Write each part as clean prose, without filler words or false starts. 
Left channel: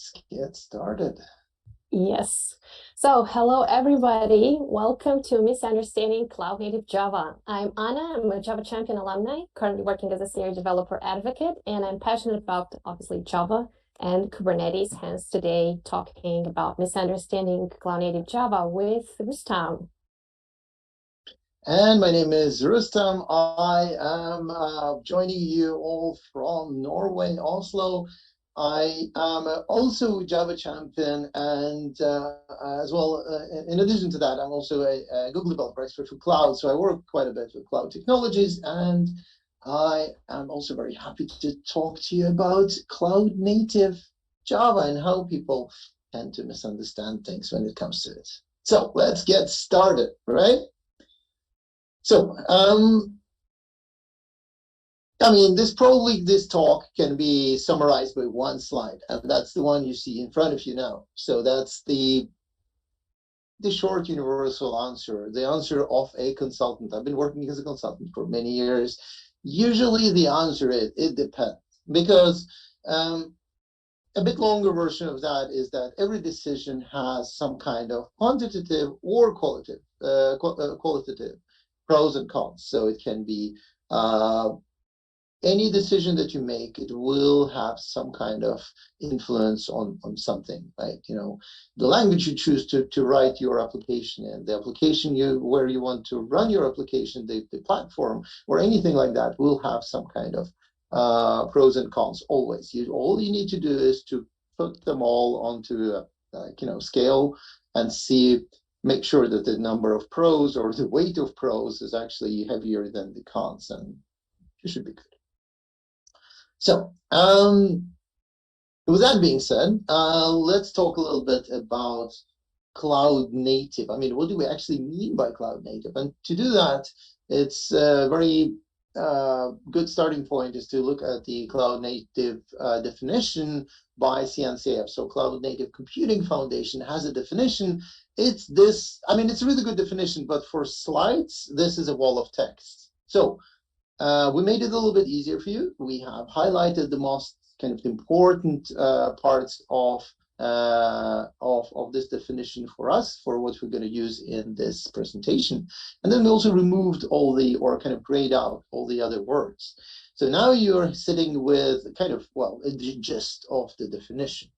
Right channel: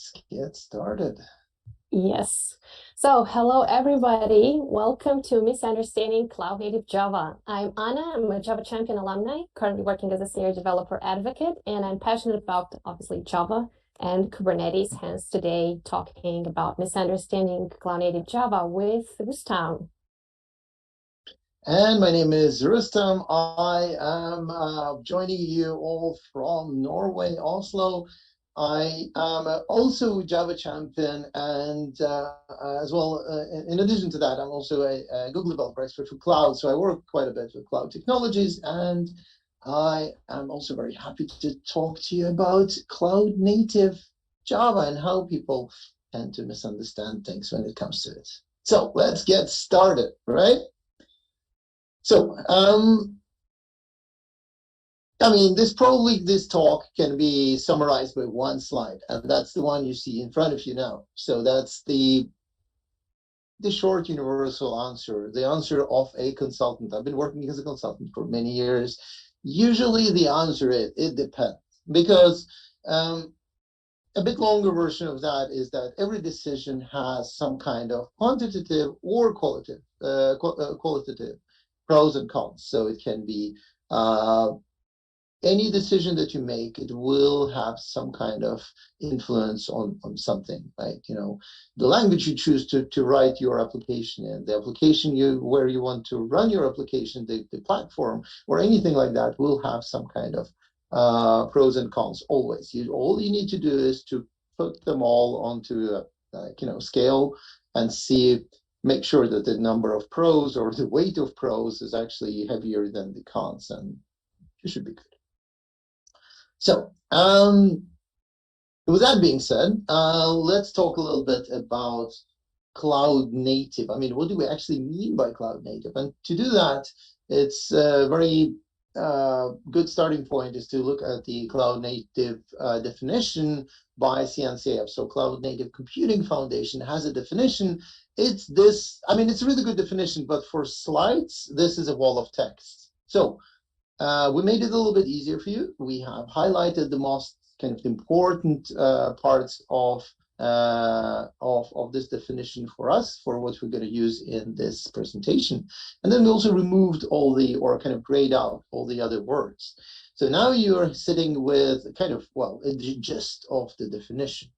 let's get started. Yes. So hello, everybody. Welcome to Misunderstanding Cloud Native Java. I'm Anna. I'm a Java Champion alumni, currently working as a senior developer advocate, and I'm passionate about, obviously, Java and Kubernetes, hence today talking about misunderstanding Cloud Native Java with Rustam. And my name is Rustam. I am joining you all from Norway, Oslo. I am also a Java champion, and as well, in addition to that, I'm also a Google developer expert for cloud. So I work quite a bit with cloud technologies, and I am also very happy to talk to you about cloud native Java and how people tend to misunderstand things when it comes to it. So let's get started, right? So, I mean, this talk can be summarized by one slide, and that's the one you see in front of you now. So that's the short universal answer, the answer of a consultant. I've been working as a consultant for many years. Usually the answer is, it depends, because a bit longer version of that is that every decision has some kind of quantitative or qualitative pros and cons. So it can be any decision that you make, it will have some kind of influence on something, right? You know, the language you choose to write your application in, the application where you want to run your application, the platform or anything like that will have some kind of pros and cons always. All you need to do is to put them all onto a scale and make sure that the number of pros or the weight of pros is actually heavier than the cons, and you should be good. So, with that being said, let's talk a little bit about cloud native. I mean, what do we actually mean by cloud native? And to do that, it's a very good starting point is to look at the cloud native definition by CNCF. So Cloud Native Computing Foundation has a definition. It's this, I mean, it's a really good definition, but for slides, this is a wall of text. So we made it a little bit easier for you. We have highlighted the most kind of important parts of this definition for us, for what we're going to use in this presentation. And then we also removed or kind of grayed out all the other words. So now you're sitting with kind of, the gist of the definition.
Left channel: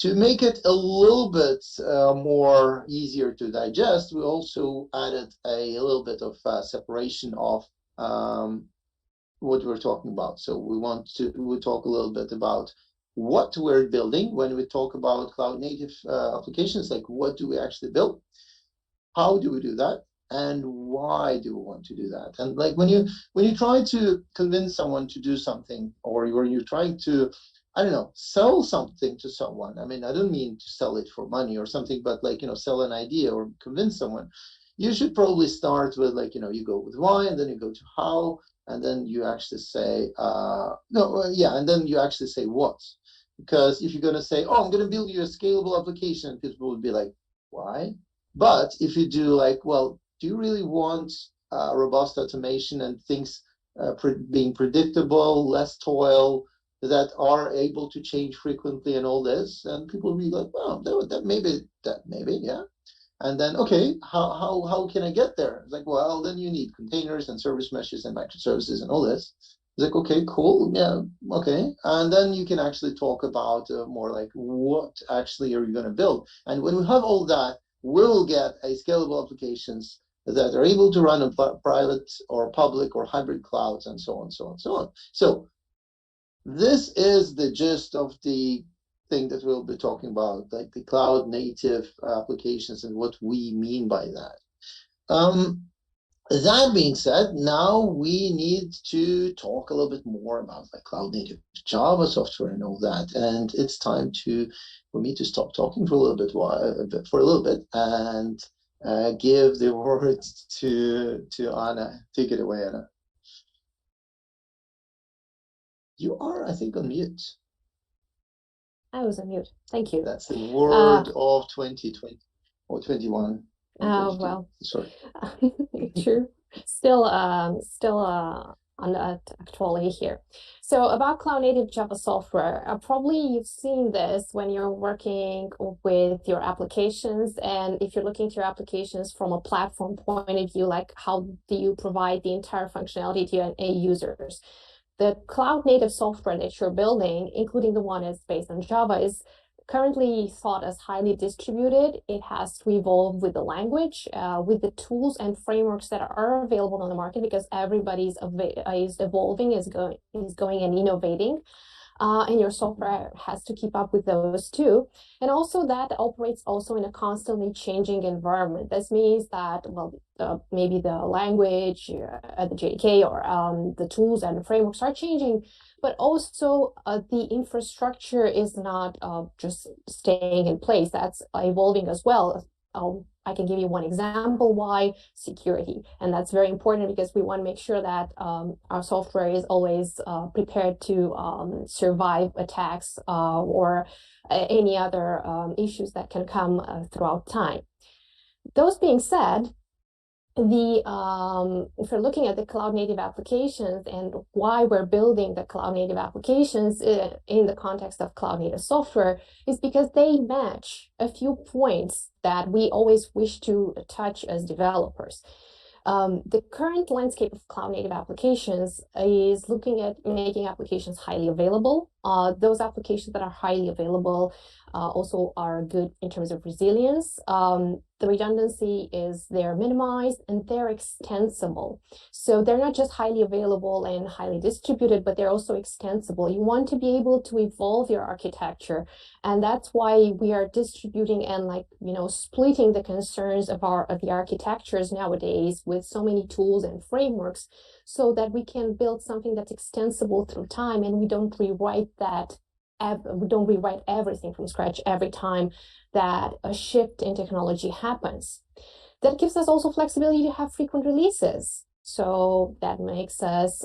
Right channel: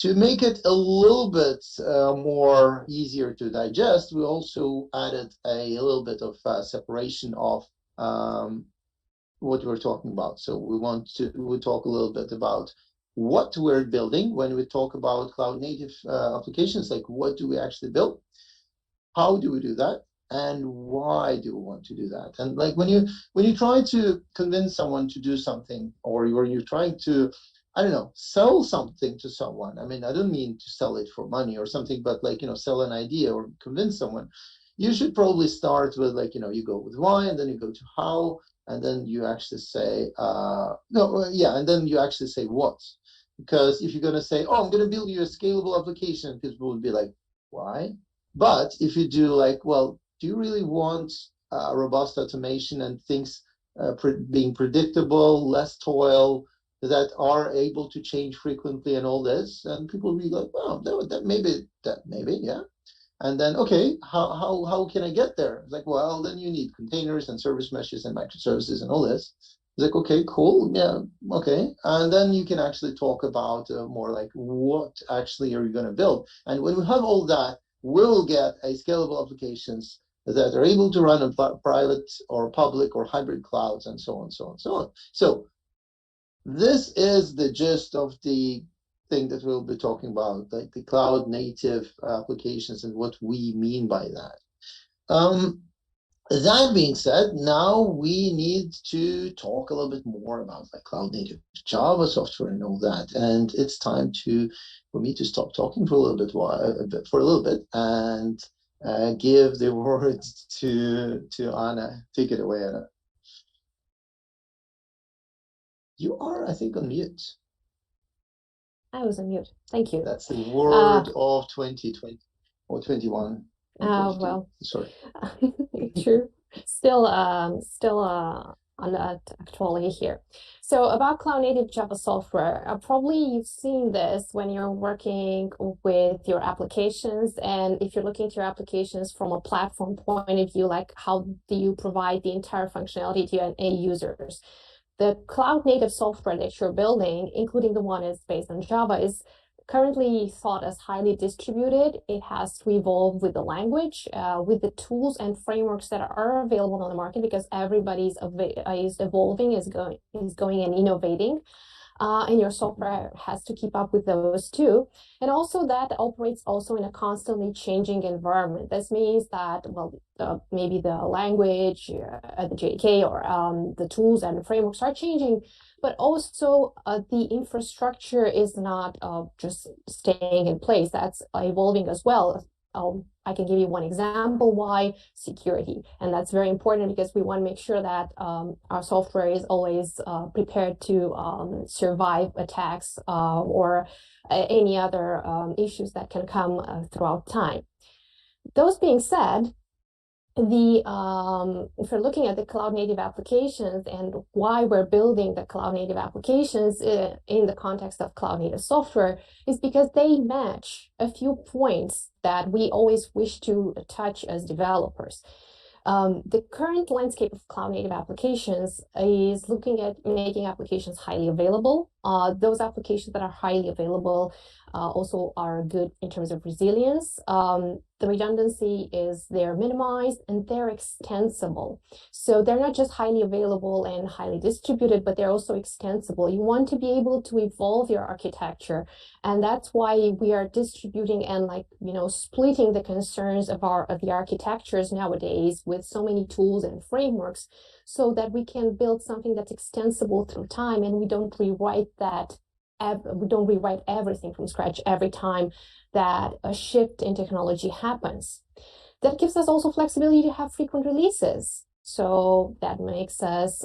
To make it a little bit more easier to digest, we also added a little bit of separation of what we're talking about. So we'll talk a little bit about what we're building when we talk about cloud native applications, like what do we actually build, how do we do that, and why do we want to do that. And like when you try to convince someone to do something, or you're trying to, I don't know, sell something to someone. I mean, I don't mean to sell it for money or something, but like, sell an idea or convince someone. You should probably start with you go with why, and then you go to how, and then you actually say, and then you actually say what. Because if you're going to say, oh, I'm going to build you a scalable application, people would be like, why? But if you do like, well, do you really want robust automation and things being predictable, less toil, that are able to change frequently and all this? And people will be like, well, maybe, yeah. And then, okay, how can I get there? It's like, well, then you need containers and service meshes and microservices and all this. It's like, okay, cool, yeah, okay. And then you can actually talk about more like what actually are you going to build. And when we have all that, we'll get a scalable applications that are able to run on private or public or hybrid clouds and so on, so on, so on. So this is the gist of the thing that we'll be talking about, like the cloud native applications and what we mean by that. That being said, now we need to talk a little bit more about like cloud native Java software and all that. And it's time for me to stop talking for a little bit and give the words to Anna. Take it away, Anna. You are, I think, on mute. I was on mute. Thank you. That's the word of 2020 or 21. Well, sorry. True. Still on that actually here. So about cloud native Java software, probably you've seen this when you're working with your applications, and if you're looking to your applications from a platform point of view, like how do you provide the entire functionality to your end users? The cloud native software that you're building, including the one that's based on Java, is currently thought as highly distributed. It has to evolve with the language, with the tools and frameworks that are available on the market, because everybody's is evolving, is going and innovating. And your software has to keep up with those too. And also that operates also in a constantly changing environment. This means that, well, maybe the language, the JDK, or the tools and the frameworks are changing, but also the infrastructure is not just staying in place. That's evolving as well. I can give you one example why: security. And that's very important because we want to make sure that our software is always prepared to survive attacks or any other issues that can come throughout time. Those being said, if we're looking at the cloud native applications and why we're building the cloud native applications in the context of cloud native software, is because they match a few points that we always wish to touch as developers. The current landscape of cloud native applications is looking at making applications highly available. Those applications that are highly available also are good in terms of resilience. The redundancy is they're minimized and they're extensible. So they're not just highly available and highly distributed, but they're also extensible. You want to be able to evolve your architecture. And that's why we are distributing and, like, splitting the concerns of the architectures nowadays with so many tools and frameworks, so that we can build something that's extensible through time, and we don't rewrite everything from scratch every time that a shift in technology happens. That gives us also flexibility to have frequent releases. So that makes us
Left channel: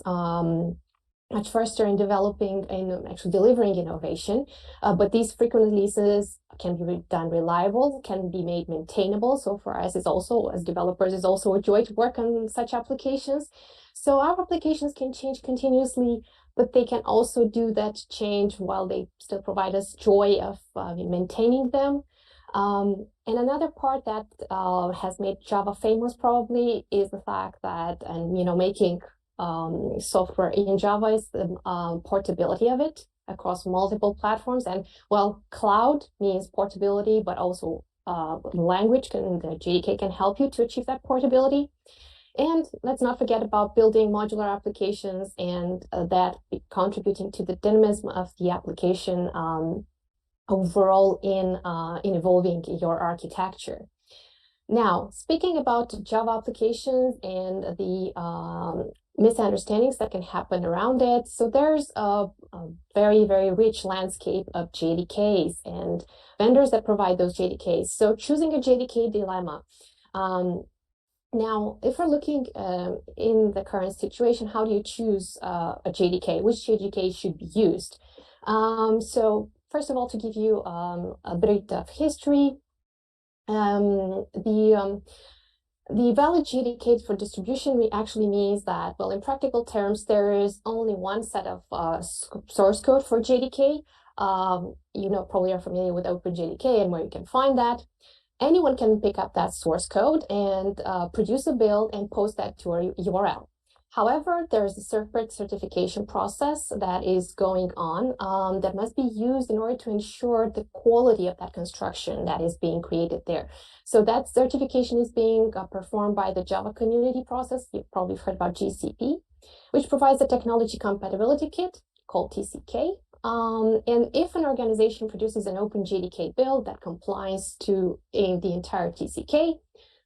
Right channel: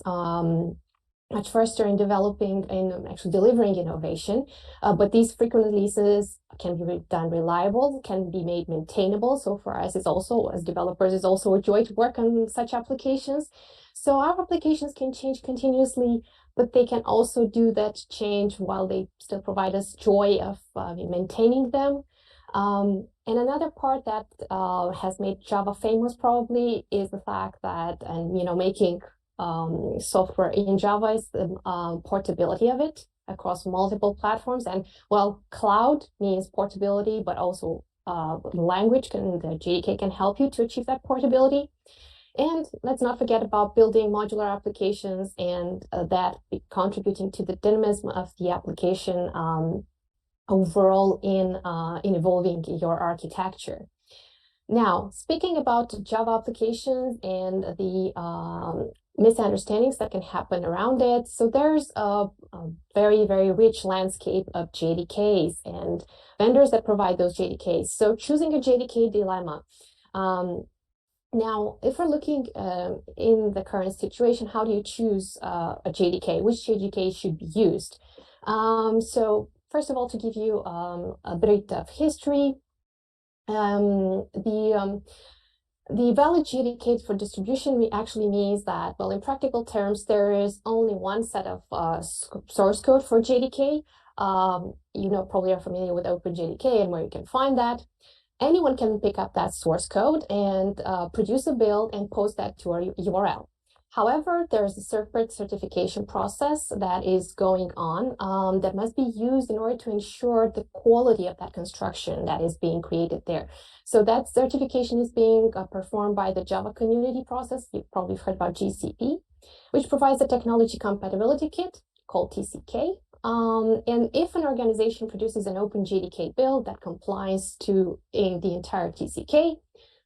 much faster in developing and actually delivering innovation. But these frequent releases can be done reliable, can be made maintainable. So for us, it's also, as developers, it's also a joy to work on such applications. So our applications can change continuously, but they can also do that change while they still provide us joy of maintaining them. And another part that has made Java famous probably is the fact that, and making software in Java is the portability of it across multiple platforms. And well, cloud means portability, but also language the JDK can help you to achieve that portability. And let's not forget about building modular applications and that contributing to the dynamism of the application overall in evolving your architecture. Now, speaking about Java applications and the misunderstandings that can happen around it. So there's a very, very rich landscape of JDKs and vendors that provide those JDKs. So choosing a JDK dilemma. Now, if we're looking in the current situation, how do you choose a JDK? Which JDK should be used? So first of all, to give you a bit of history, the valid JDK for distribution actually means that, well, in practical terms, there is only one set of source code for JDK. Probably are familiar with OpenJDK and where you can find that. Anyone can pick up that source code and produce a build and post that to a URL. However, there's a separate certification process that is going on that must be used in order to ensure the quality of that construction that is being created there. So that certification is being performed by the Java community process. You've probably heard about GCP, which provides a technology compatibility kit called TCK. And if an organization produces an OpenJDK build that complies to the entire TCK,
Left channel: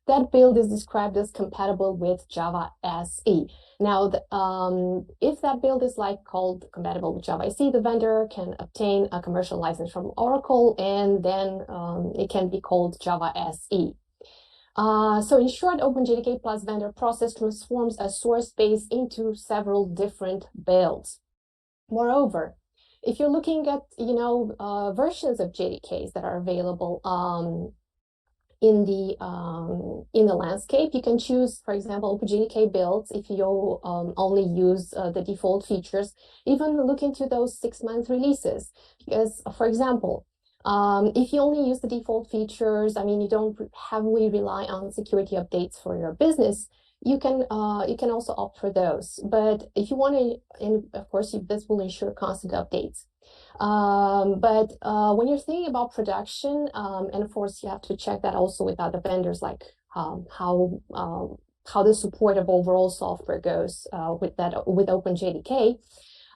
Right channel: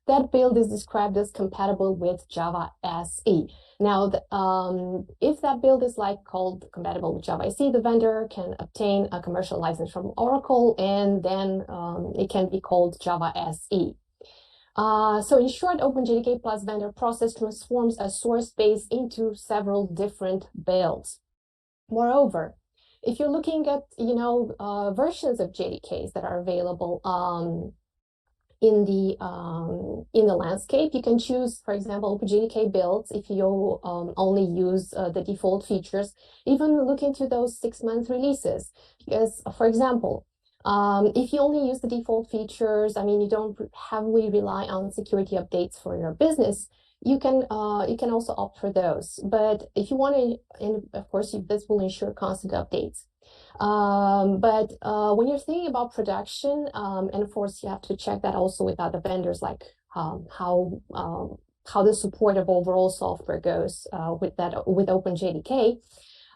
that build is described as compatible with Java SE. Now, if that build is called compatible with Java SE, the vendor can obtain a commercial license from Oracle, and then it can be called Java SE. So in short, OpenJDK plus vendor process transforms a source base into several different builds. Moreover, if you're looking at versions of JDKs that are available, in the landscape. You can choose, for example, OpenJDK builds if you only use the default features. Even look into those 6-month releases, because, for example, if you only use the default features, I mean, you don't heavily rely on security updates for your business. You can also opt for those. But if you want to, and of course, this will ensure constant updates. But when you're thinking about production, and of course you have to check that also with other vendors, like how the support of overall software goes with OpenJDK.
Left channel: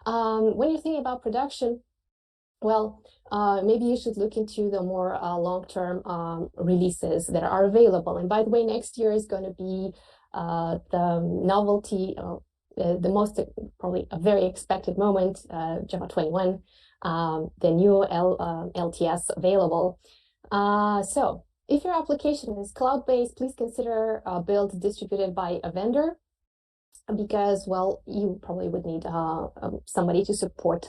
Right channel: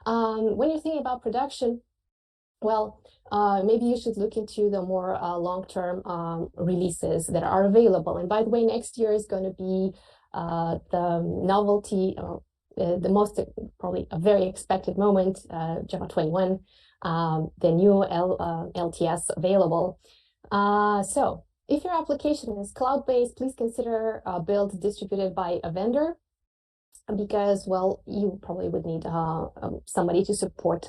When you're thinking about production, well, maybe you should look into the more long-term releases that are available. And by the way, next year is going to be the novelty, the most probably a very expected moment, Java 21. The new LTS available. So if your application is cloud-based, please consider build distributed by a vendor, because, well, you probably would need somebody to support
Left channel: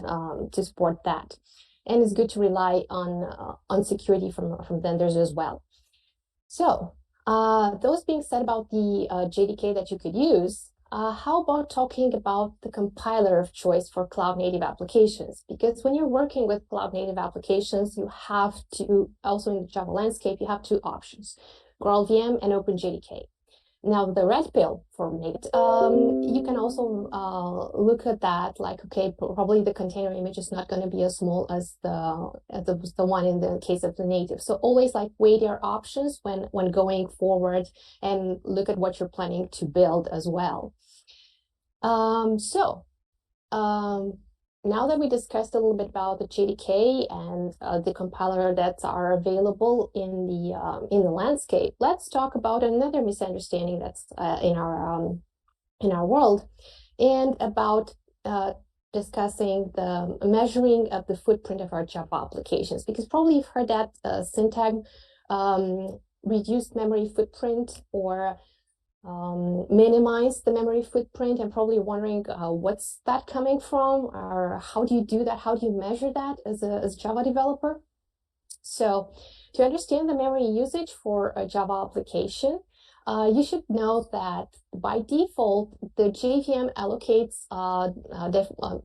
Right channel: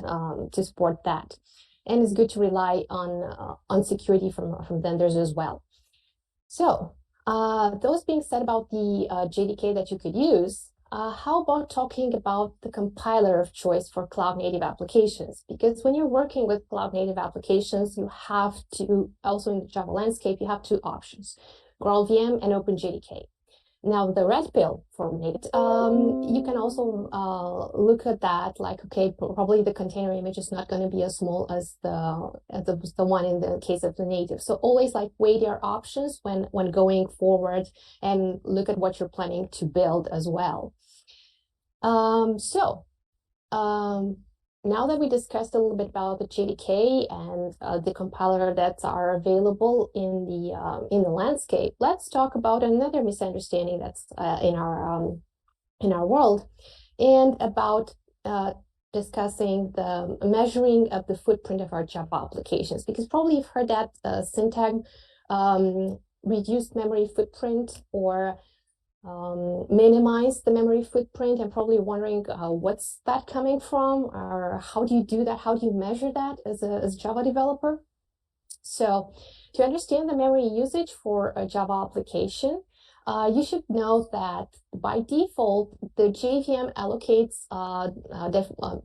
that. And it's good to rely on security from vendors as well. So those being said about the JDK that you could use, how about talking about the compiler of choice for cloud-native applications? Because when you're working with cloud-native applications, you have to, also in the Java landscape, you have two options, GraalVM and OpenJDK. Now, the red pill for native, you can also look at that like, okay, probably the container image is not going to be as small as the one in the case of the native. So always like weigh your options when going forward and look at what you're planning to build as well. Now that we discussed a little bit about the JDK and the compiler that are available in the landscape, let's talk about another misunderstanding that's in our world, and about discussing the measuring of the footprint of our Java applications. Because probably you've heard that syntagm, reduced memory footprint, or minimize the memory footprint, and probably wondering what's that coming from, or how do you do that? How do you measure that as a Java developer? So to understand the memory usage for a Java application, you should know that by default, the JVM allocates,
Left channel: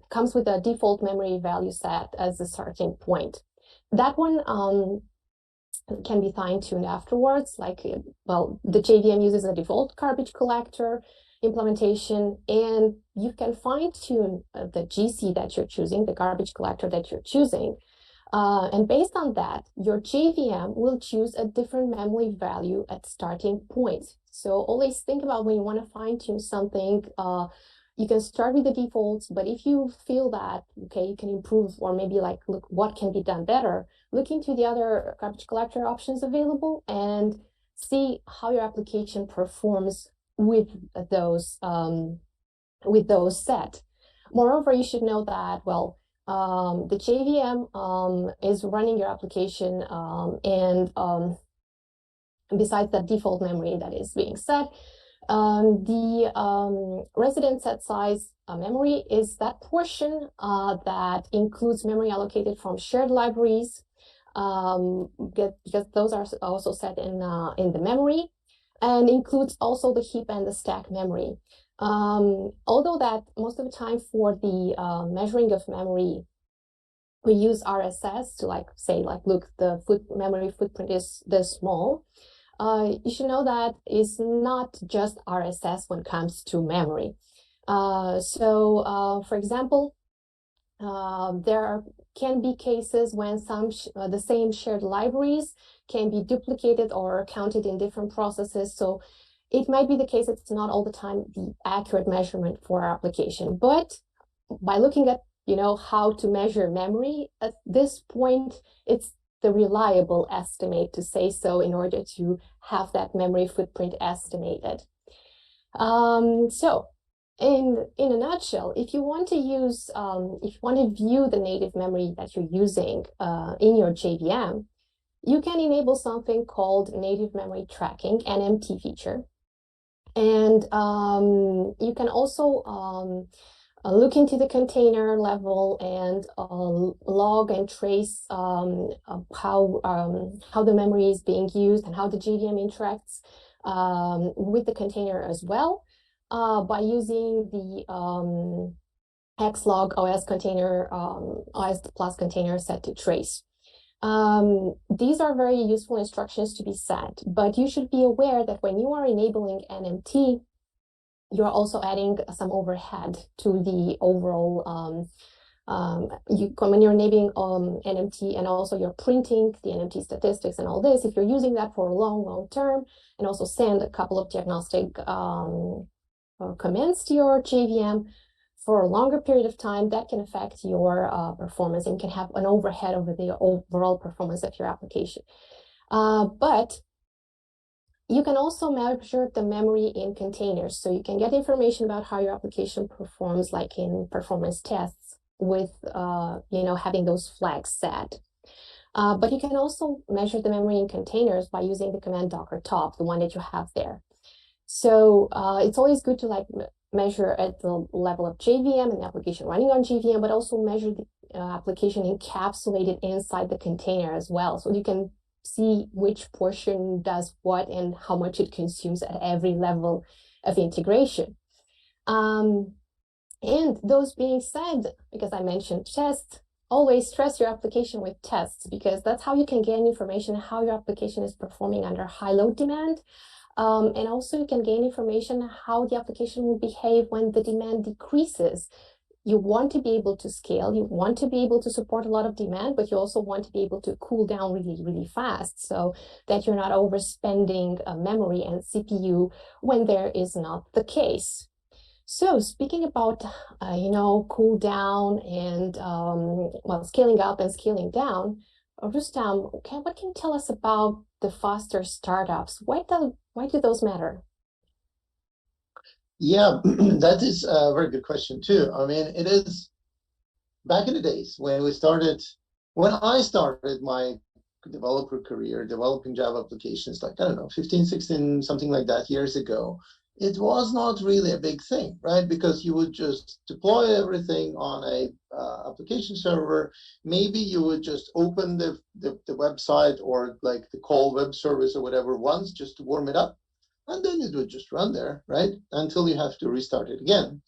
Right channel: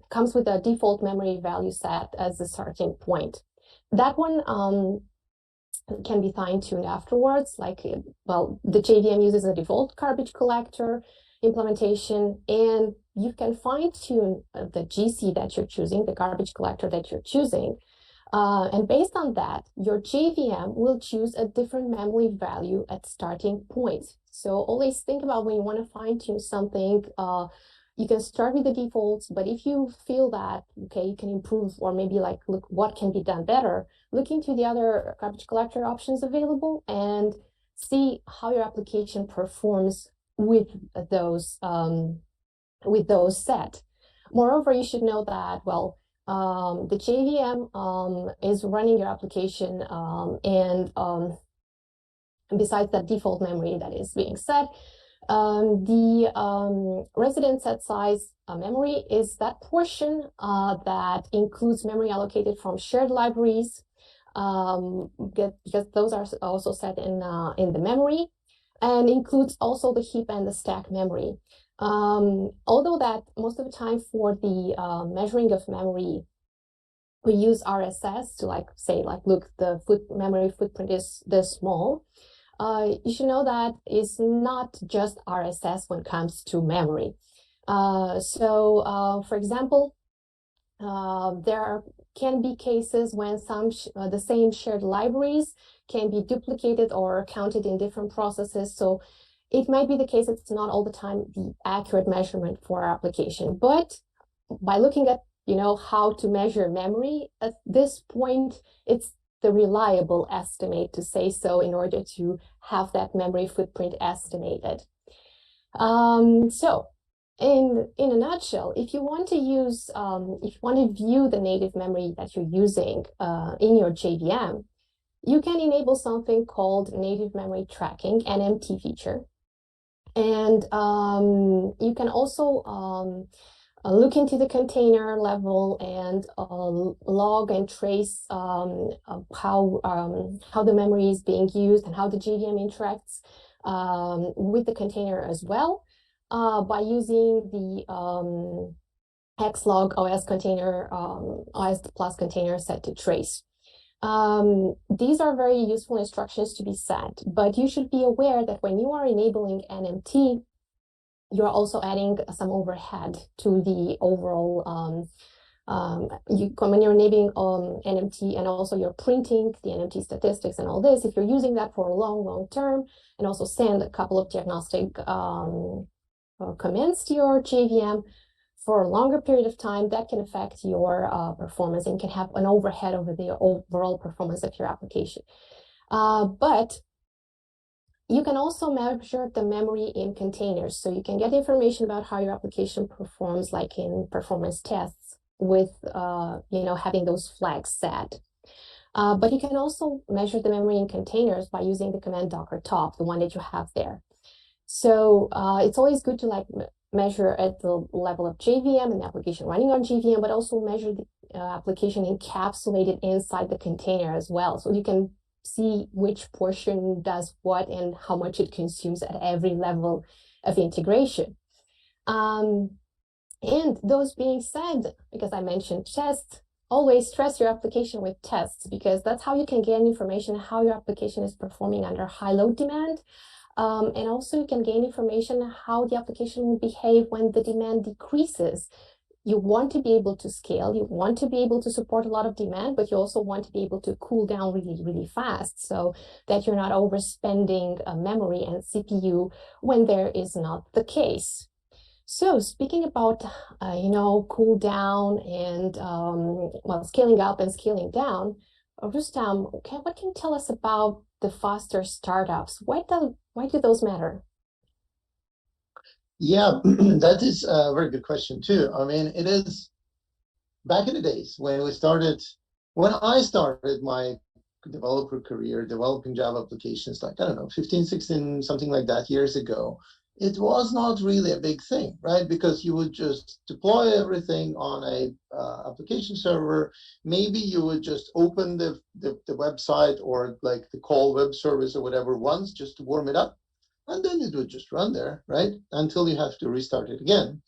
comes with a default memory value set as a starting point. That one can be fine-tuned afterwards. Like, well, the JVM uses a default garbage collector implementation, and you can fine-tune the GC that you're choosing, the garbage collector that you're choosing. And based on that, your JVM will choose a different memory value at starting point. So always think about when you want to fine-tune something, you can start with the defaults, but if you feel that, okay, you can improve, or maybe like, look, what can be done better, look into the other garbage collector options available and see how your application performs with those set. Moreover, you should know that, well, the JVM is running your application, and besides that default memory that is being set, the resident set size memory is that portion that includes memory allocated from shared libraries, because those are also set in the memory, and includes also the heap and the stack memory. Although that most of the time for the measuring of memory, we use RSS to like say, like, look, the memory footprint is this small. You should know that it's not just RSS when it comes to memory. For example, there can be cases when the same shared libraries can be duplicated or counted in different processes. So it might be the case it's not all the time the accurate measurement for our application. But by looking at, how to measure memory at this point, it's the reliable estimate, to say so, in order to have that memory footprint estimated. So in a nutshell, if you want to use, if you want to view the native memory that you're using in your JVM, you can enable something called native memory tracking, NMT feature. And you can also look into the container level and log and trace how the memory is being used and how the JVM interacts with the container as well by using the xlog OS container OS plus container set to trace. These are very useful instructions to be set, but you should be aware that when you are enabling NMT, you're also adding some overhead to the overall when you're enabling NMT, and also you're printing the NMT statistics and all this, if you're using that for a long term and also send a couple of diagnostic commands to your JVM for a longer period of time, that can affect your performance and can have an overhead over the overall performance of your application. But you can also measure the memory in containers. So you can get information about how your application performs, like in performance tests with, having those flags set. But you can also measure the memory in containers by using the command docker top, the one that you have there. So it's always good to measure at the level of JVM and the application running on JVM, but also measure the application encapsulated inside the container as well. So you can see which portion does what and how much it consumes at every level of integration. And those being said, because I mentioned tests, always stress your application with tests, because that's how you can gain information how your application is performing under high load demand. And also you can gain information how the application will behave when the demand decreases. You want to be able to scale, you want to be able to support a lot of demand, but you also want to be able to cool down really fast so that you're not overspending memory and CPU when there is not the case. So speaking about, cool down and, scaling up and scaling down, Rustam, what can you tell us about the faster startups? Why do those matter? Yeah, that is a very good question too. I mean, it is back in the days when I started my developer career developing Java applications, like, I don't know, 15, 16, something like that years ago, it was not really a big thing, right? Because you would just deploy everything on a application server. Maybe you would just open the website or like the call web service or whatever once just to warm it up. And then it would just run there, right? Until you have to restart it again.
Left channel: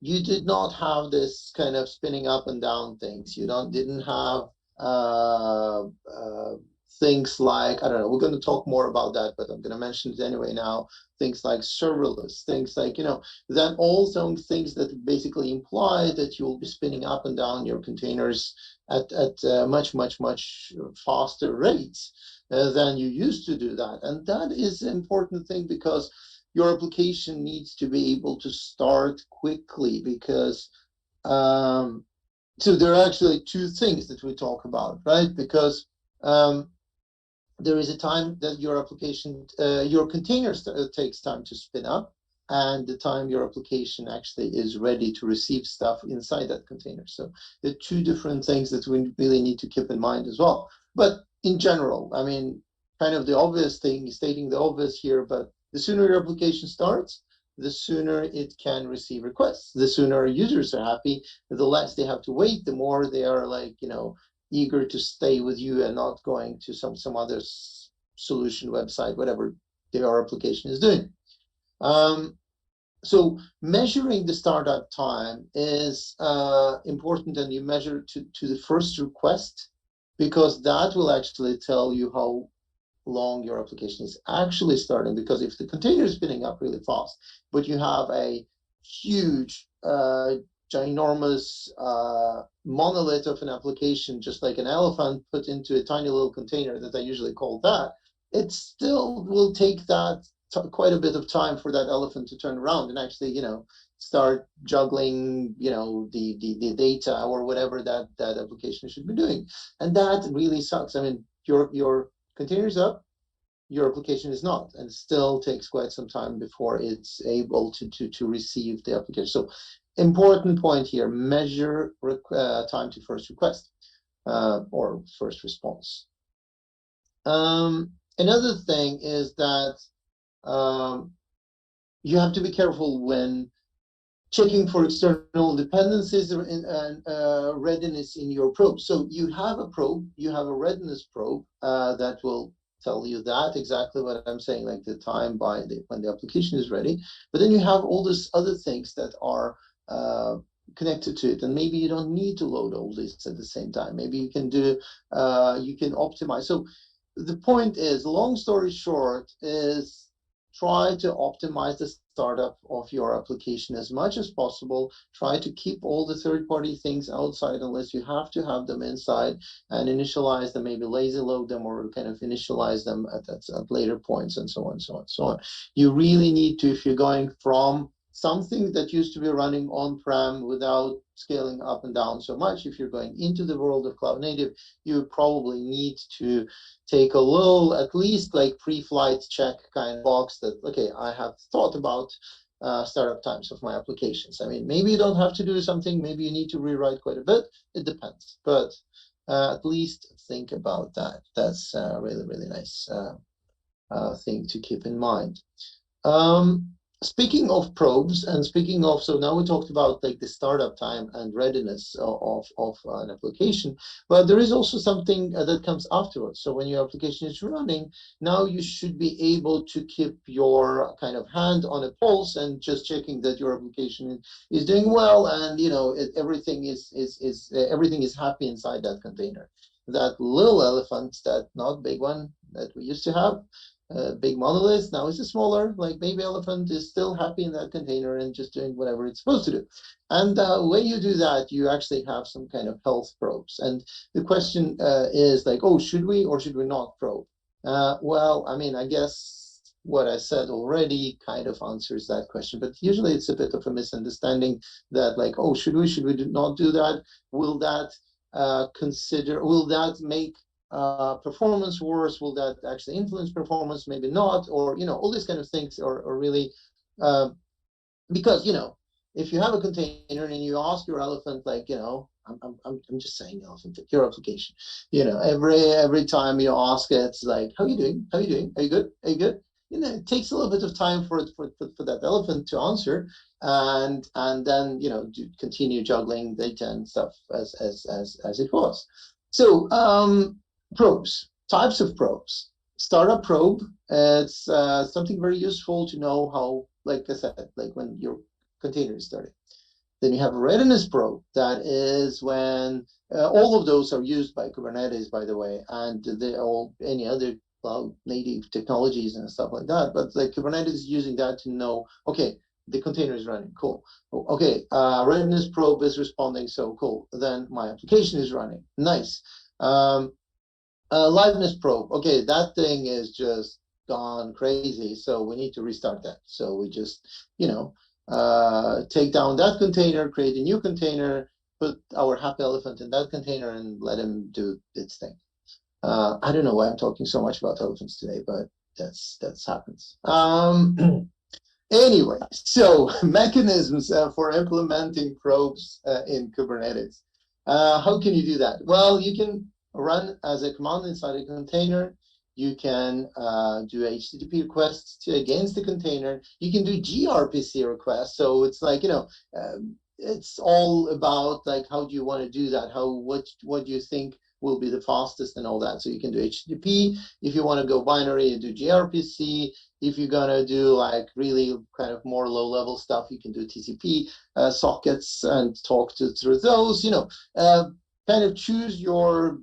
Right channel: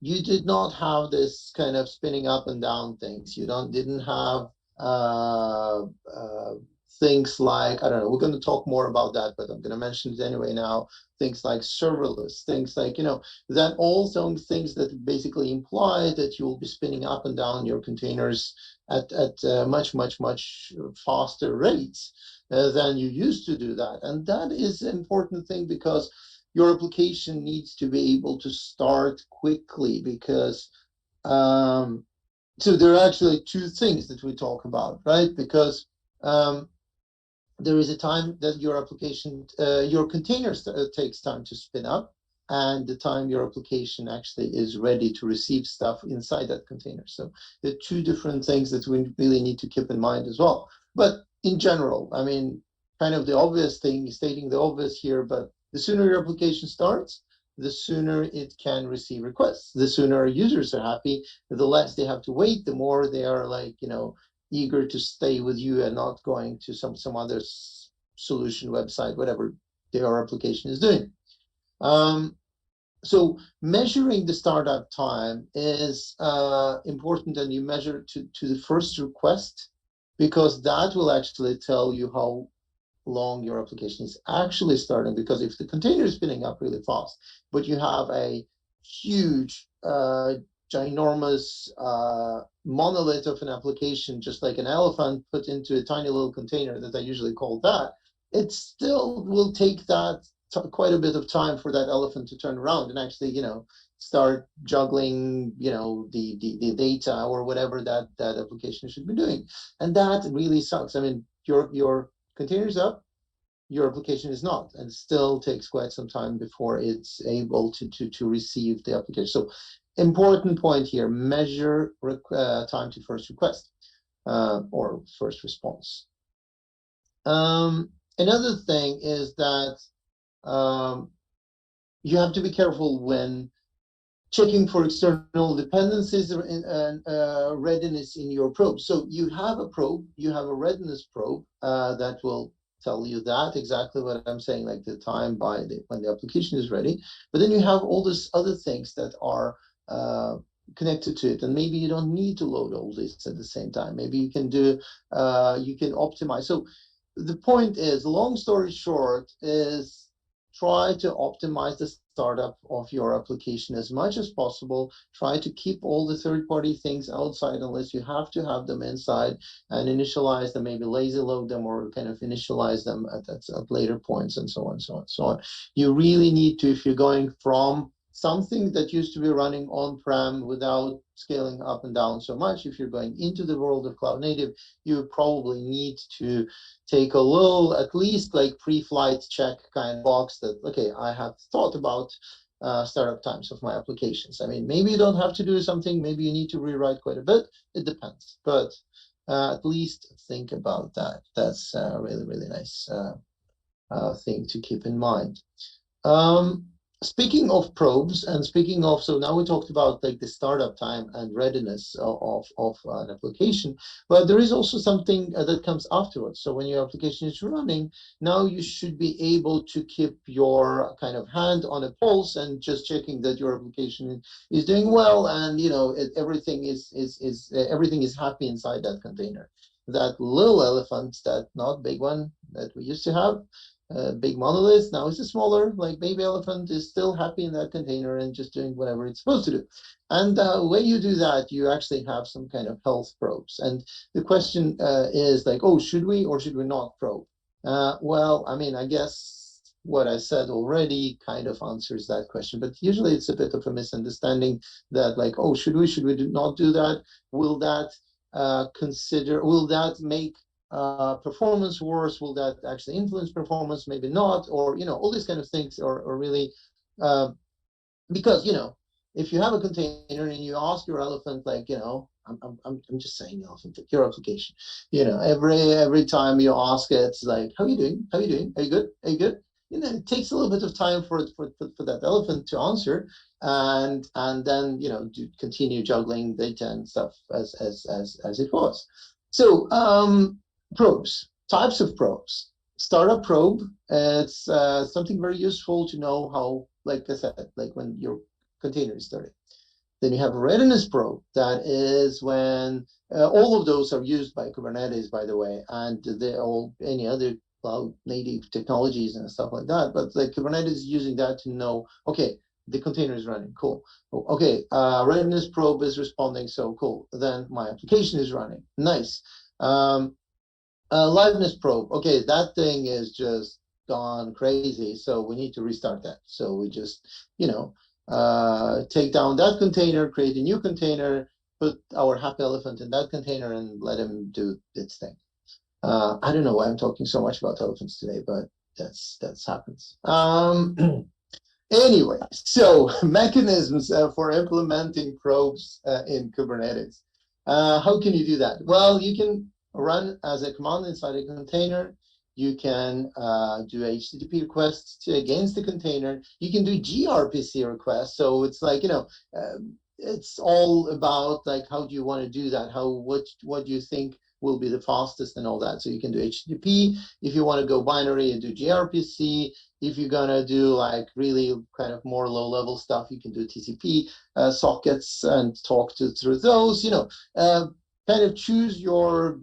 You did not have this kind of spinning up and down things. You didn't have uh, uh, things like, I don't know, we're going to talk more about that, but I'm going to mention it anyway now. Things like serverless, things like, that all some things that basically imply that you'll be spinning up and down your containers at much faster rates than you used to do that. And that is an important thing because your application needs to be able to start quickly because so there are actually two things that we talk about, right? Because there is a time that your application, your container takes time to spin up, and the time your application actually is ready to receive stuff inside that container. So the two different things that we really need to keep in mind as well. But in general, I mean, kind of the obvious thing, stating the obvious here, but the sooner your application starts, the sooner it can receive requests. The sooner users are happy, the less they have to wait, the more they are like, eager to stay with you and not going to some other solution website, whatever their application is doing. So measuring the startup time is important, and you measure to the first request, because that will actually tell you how long your application is actually starting. Because if the container is spinning up really fast, but you have a huge, ginormous monolith of an application, just like an elephant put into a tiny little container that I usually call that, it still will take that quite a bit of time for that elephant to turn around and actually, start juggling, the data or whatever that application should be doing. And that really sucks. I mean, your containers up, your application is not, and it still takes quite some time before it's able to receive the application. So important point here, measure time to first request or first response. Another thing is that you have to be careful when checking for external dependencies and readiness in your probe. So you have a probe, you have a readiness probe that will tell you that exactly what I'm saying, like the time when the application is ready. But then you have all these other things that are connected to it, and maybe you don't need to load all this at the same time. Maybe you can do you can optimize. So the point is, long story short, is try to optimize the startup of your application as much as possible. Try to keep all the third-party things outside unless you have to have them inside, and initialize them, maybe lazy load them, or kind of initialize them at later points, and so on, so on, so on. You really need to, if you're going from something that used to be running on-prem without scaling up and down so much, if you're going into the world of cloud native, you probably need to take a little, at least like pre-flight check kind of box that, okay, I have thought about startup times of my applications. I mean, maybe you don't have to do something, maybe you need to rewrite quite a bit, it depends, but at least think about that. That's a really, really nice thing to keep in mind. Speaking of probes, and speaking of, so now we talked about like the startup time and readiness of an application, but there is also something that comes afterwards. So when your application is running, now you should be able to keep your kind of hand on a pulse and just checking that your application is doing well, and you know everything is happy inside that container. That little elephant, that not big one that we used to have, big monolith, now it's a smaller, like baby elephant, is still happy in that container and just doing whatever it's supposed to do. And when you do that, you actually have some kind of health probes. And the question is like, oh, should we or should we not probe? Well, I mean, I guess what I said already kind of answers that question, but usually it's a bit of a misunderstanding that like, oh, should we not do that? Will that will that make performance worse? Will that actually influence performance? Maybe not, or you know, all these kind of things are really because you know, if you have a container and you ask your elephant, like you know, I'm just saying elephant, your application, you know, every time you ask it, it's like, how are you doing? How are you doing? Are you good? Are you good? You know, it takes a little bit of time for that elephant to answer, and then you know, to continue juggling data and stuff as it was. So probes, types of probes. Startup probe, it's something very useful to know how, like I said, like when your container is starting. Then you have a readiness probe. That is when all of those are used by Kubernetes, by the way, and any other cloud native technologies and stuff like that. But like Kubernetes is using that to know, okay, the container is running, cool. Okay, readiness probe is responding, so cool. Then my application is running, nice. Liveness probe, okay, that thing is just gone crazy, so we need to restart that. So we just, you know, take down that container, create a new container, put our happy elephant in that container, and let him do its thing. I don't know why I'm talking so much about elephants today, but that's happens. Anyway, so mechanisms for implementing probes in Kubernetes. How can you do that? Well, you can run as a command inside a container. You can do HTTP requests against the container. You can do gRPC requests. So it's like, you know, it's all about like, how do you want to do that? What do you think will be the fastest and all that? So you can do HTTP. If you want to go binary, you do gRPC. If you're gonna do like really kind of more low-level stuff, you can do TCP sockets and talk through those. You know, kind of choose your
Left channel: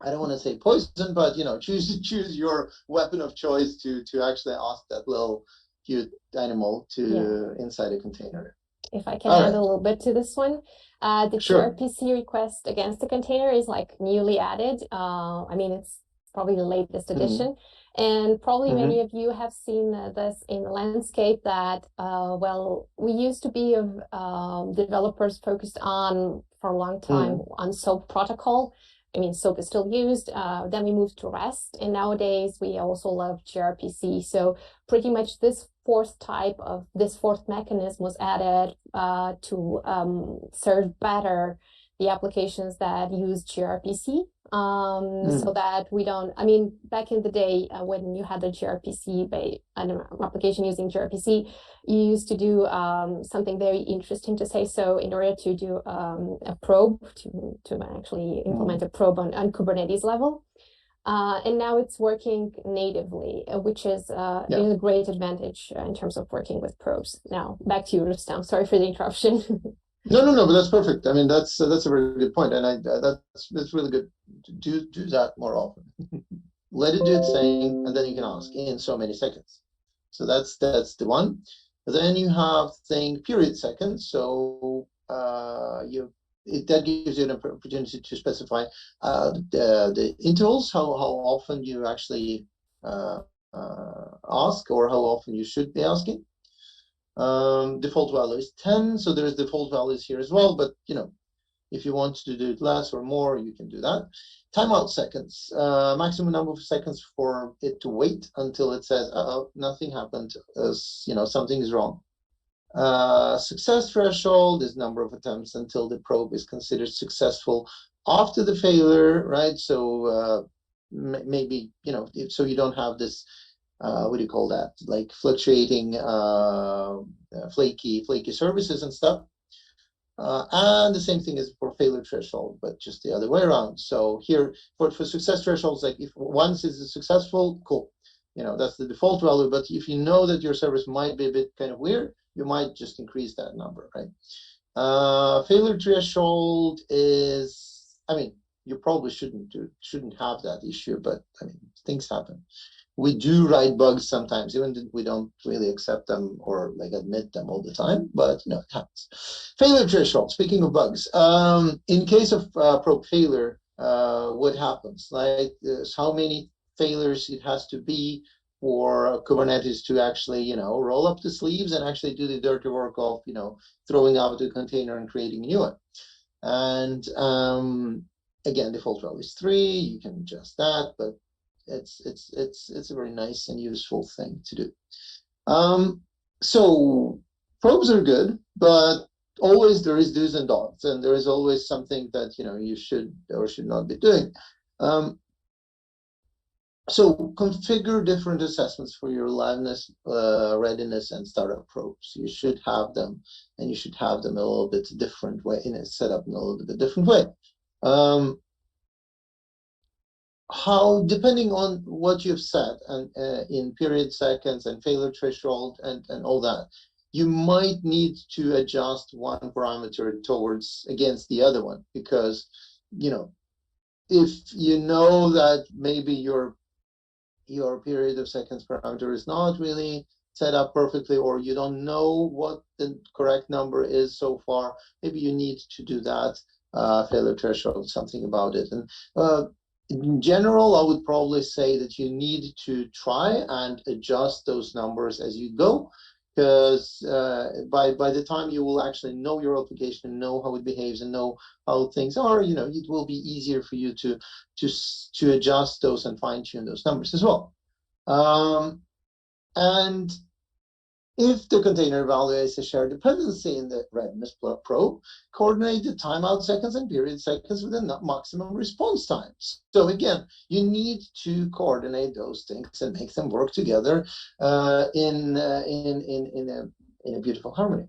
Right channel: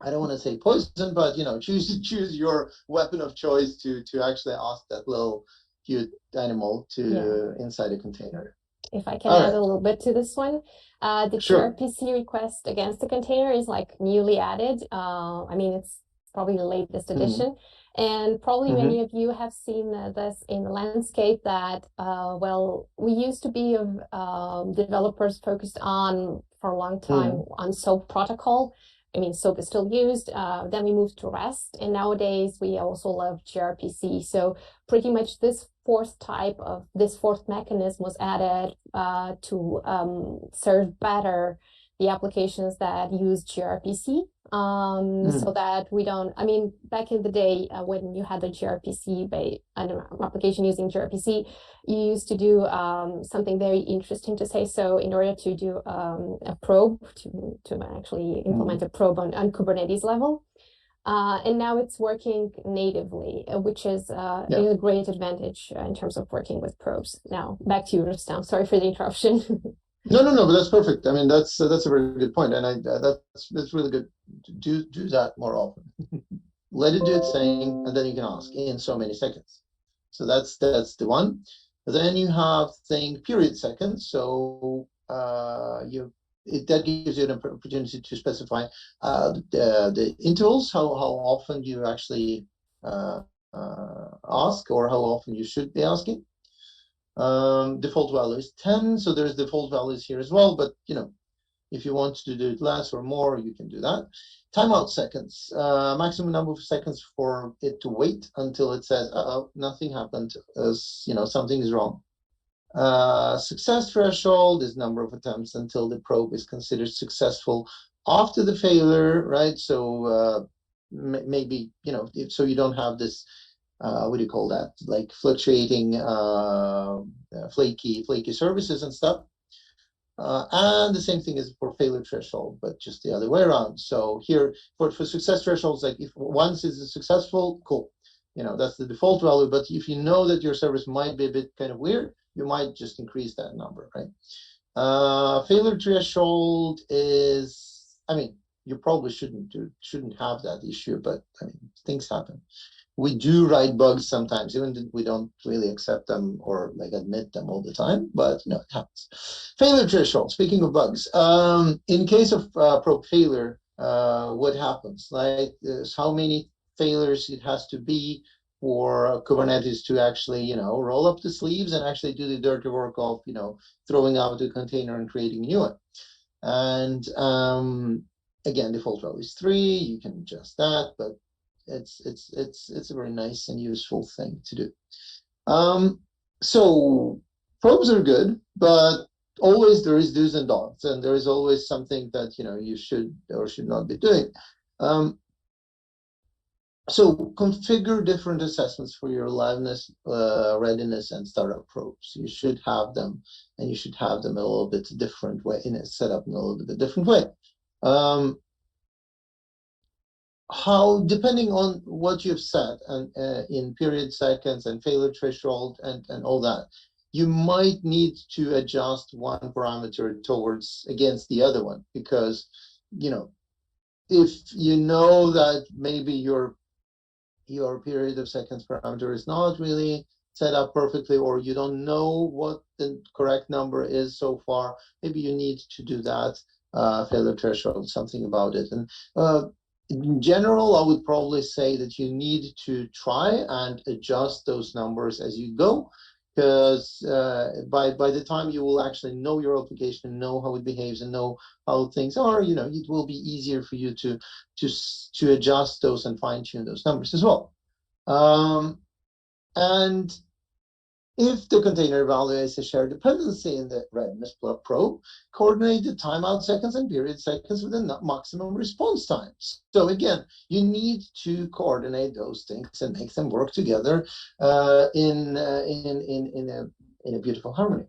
I don't want to say poison, but you know, choose your weapon of choice to actually ask that little cute animal to inside a container. If I can add a little bit to this one, the Sure. gRPC request against the container is like newly added. I mean, it's probably the latest edition. And probably many of you have seen this in the landscape that, well, we used to be developers focused on, for a long time, on SOAP protocol. I mean, SOAP is still used. Then we moved to REST, and nowadays we also love gRPC. So pretty much this fourth mechanism was added to serve better the applications that use gRPC, so that we don't, I mean, back in the day, when you had the gRPC application using gRPC, you used to do something very interesting, to say so, in order to do a probe, to actually implement a probe on Kubernetes level. And now it's working natively, which is a great advantage in terms of working with probes. Now, back to you, Rustam. Sorry for the interruption. No, but that's perfect. I mean, that's a very good point, and that's really good. Do that more often. Let it do its thing, and then you can ask in so many seconds. So that's the one. Then you have thing period seconds. So that gives you an opportunity to specify the intervals, how often you actually ask, or how often you should be asking. Default value is 10, so there's default values here as well, but if you want to do it less or more, you can do that. Timeout seconds, maximum number of seconds for it to wait until it says, nothing happened, something is wrong. Success threshold is number of attempts until the probe is considered successful after the failure, right? So maybe, so you don't have this, what do you call that? Like fluctuating, flaky services and stuff. And the same thing is for failure threshold, but just the other way around. So here for success thresholds, like if once is successful, cool. That's the default value. But if you know that your service might be a bit kind of weird, you might just increase that number, right? Failure threshold is, I mean, you probably shouldn't have that issue, but I mean, things happen. We do write bugs sometimes, even if we don't really accept them or like admit them all the time, but it happens. Failure threshold, speaking of bugs, in case of probe failure, what happens? Like how many failures it has to be for Kubernetes to actually, roll up the sleeves and actually do the dirty work of, throwing out the container and creating a new one. And again, default value is 3. You can adjust that, but it's a very nice and useful thing to do. So probes are good, but always there is do's and don'ts, and there is always something that you should or should not be doing. So configure different assessments for your liveness, readiness, and startup probes. You should have them, and you should have them a little bit different way, set up in a little bit different way. How, depending on what you've set and in period seconds and failure threshold and all that, you might need to adjust one parameter against the other one, because if you know that maybe your period of seconds parameter is not really set up perfectly, or you don't know what the correct number is so far, maybe you need to do that failure threshold, something about it. And in general, I would probably say that you need to try and adjust those numbers as you go, because by the time you will actually know your application, know how it behaves, and know how things are, it will be easier for you to adjust those and fine tune those numbers as well. And if the container value is a shared dependency in the readiness probe, coordinate the timeout seconds and period seconds with the maximum response times. So again, you need to coordinate those things and make them work together in a beautiful harmony.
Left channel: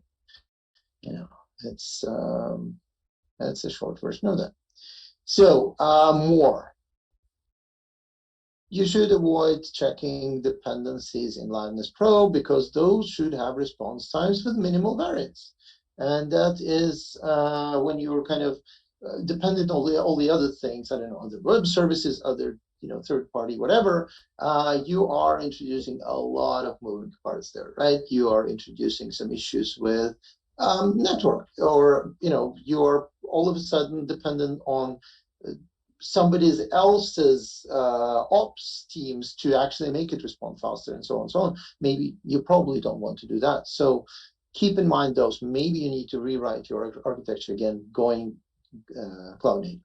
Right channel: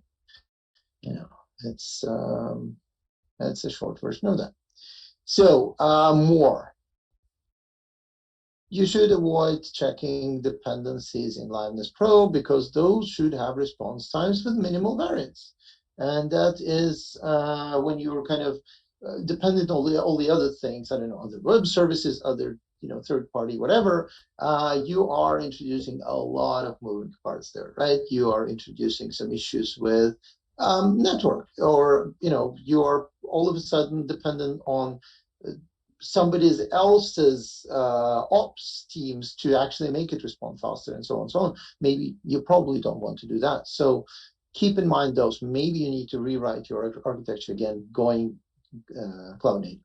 That's a short version of that. So more. You should avoid checking dependencies in liveness probe, because those should have response times with minimal variance. And that is when you're kind of dependent on all the other things, I don't know, other web services, other third party, whatever, you are introducing a lot of moving parts there, right? You are introducing some issues with network, or you are all of a sudden dependent on somebody else's ops teams to actually make it respond faster, and so on and so on. Maybe you probably don't want to do that. So keep in mind those. Maybe you need to rewrite your architecture again, going cloud native.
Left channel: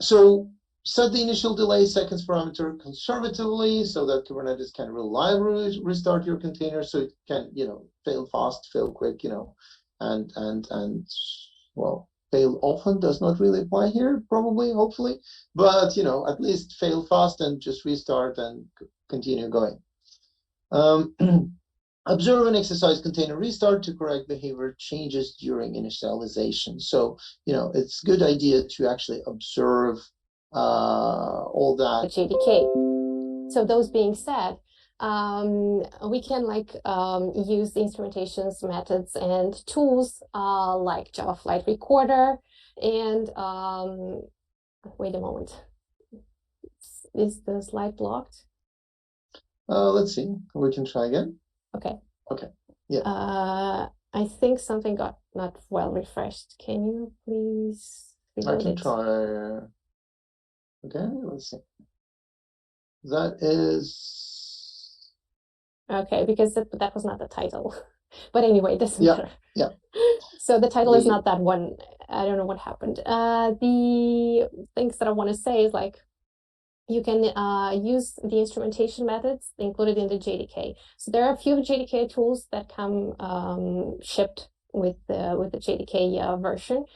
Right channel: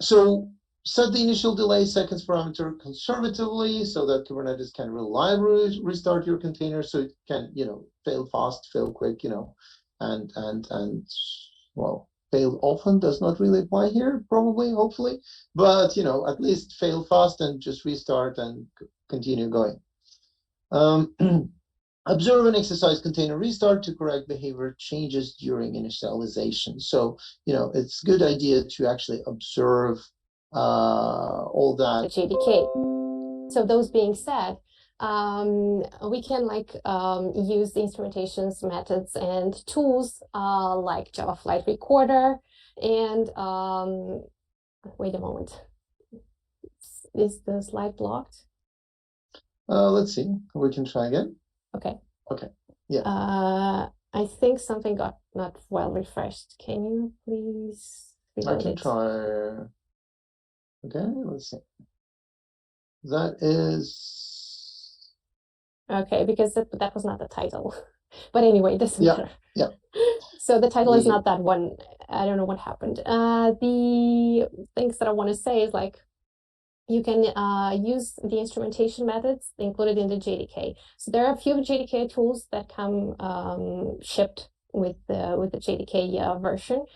So set the initial delay seconds parameter conservatively, so that Kubernetes can reliably restart your container, so it can fail fast, fail quick, and well, fail often does not really apply here, probably, hopefully, but at least fail fast and just restart and continue going. Observe and exercise container restart to correct behavior changes during initialization. So, it's a good idea to actually observe all that. The JDK. So those being said, we can use the instrumentations, methods, and tools like Java Flight Recorder and wait a moment. Is the slide blocked? Let's see. We can try again. Okay. Okay. Yeah. I think something got not well refreshed. Can you please reload I can it? try. Okay, let's see. That is okay, because that was not the title. But anyway, it doesn't matter. Yeah. So the title is not that one. I don't know what happened. The things that I want to say is you can use the instrumentation methods included in the JDK. So there are a few JDK tools that come shipped with the JDK version.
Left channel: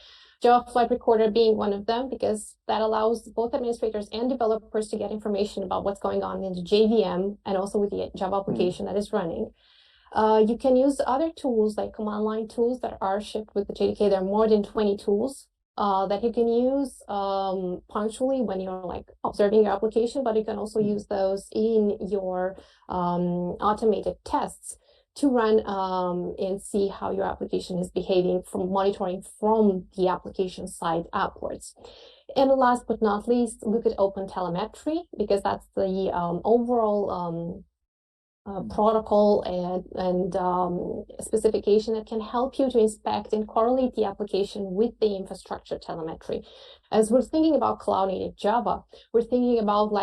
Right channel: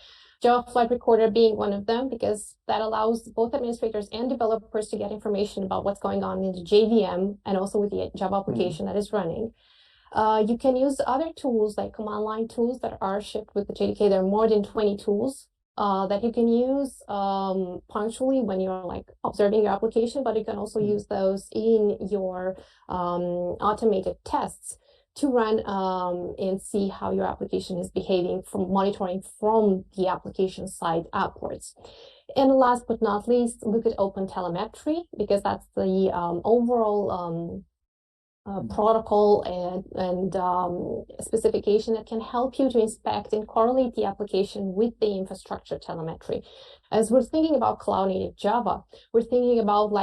Java Flight Recorder being one of them, because that allows both administrators and developers to get information about what's going on in the JVM and also with the Java application that is running. You can use other tools like command line tools that are shipped with the JDK. There are more than 20 tools that you can use punctually when you're observing your application, but you can also use those in your automated tests to run and see how your application is behaving from monitoring from the application side upwards. And last but not least, look at OpenTelemetry, because that's the overall protocol and specification that can help you to inspect and correlate the application with the infrastructure telemetry. As we're thinking about cloud native Java, we're thinking about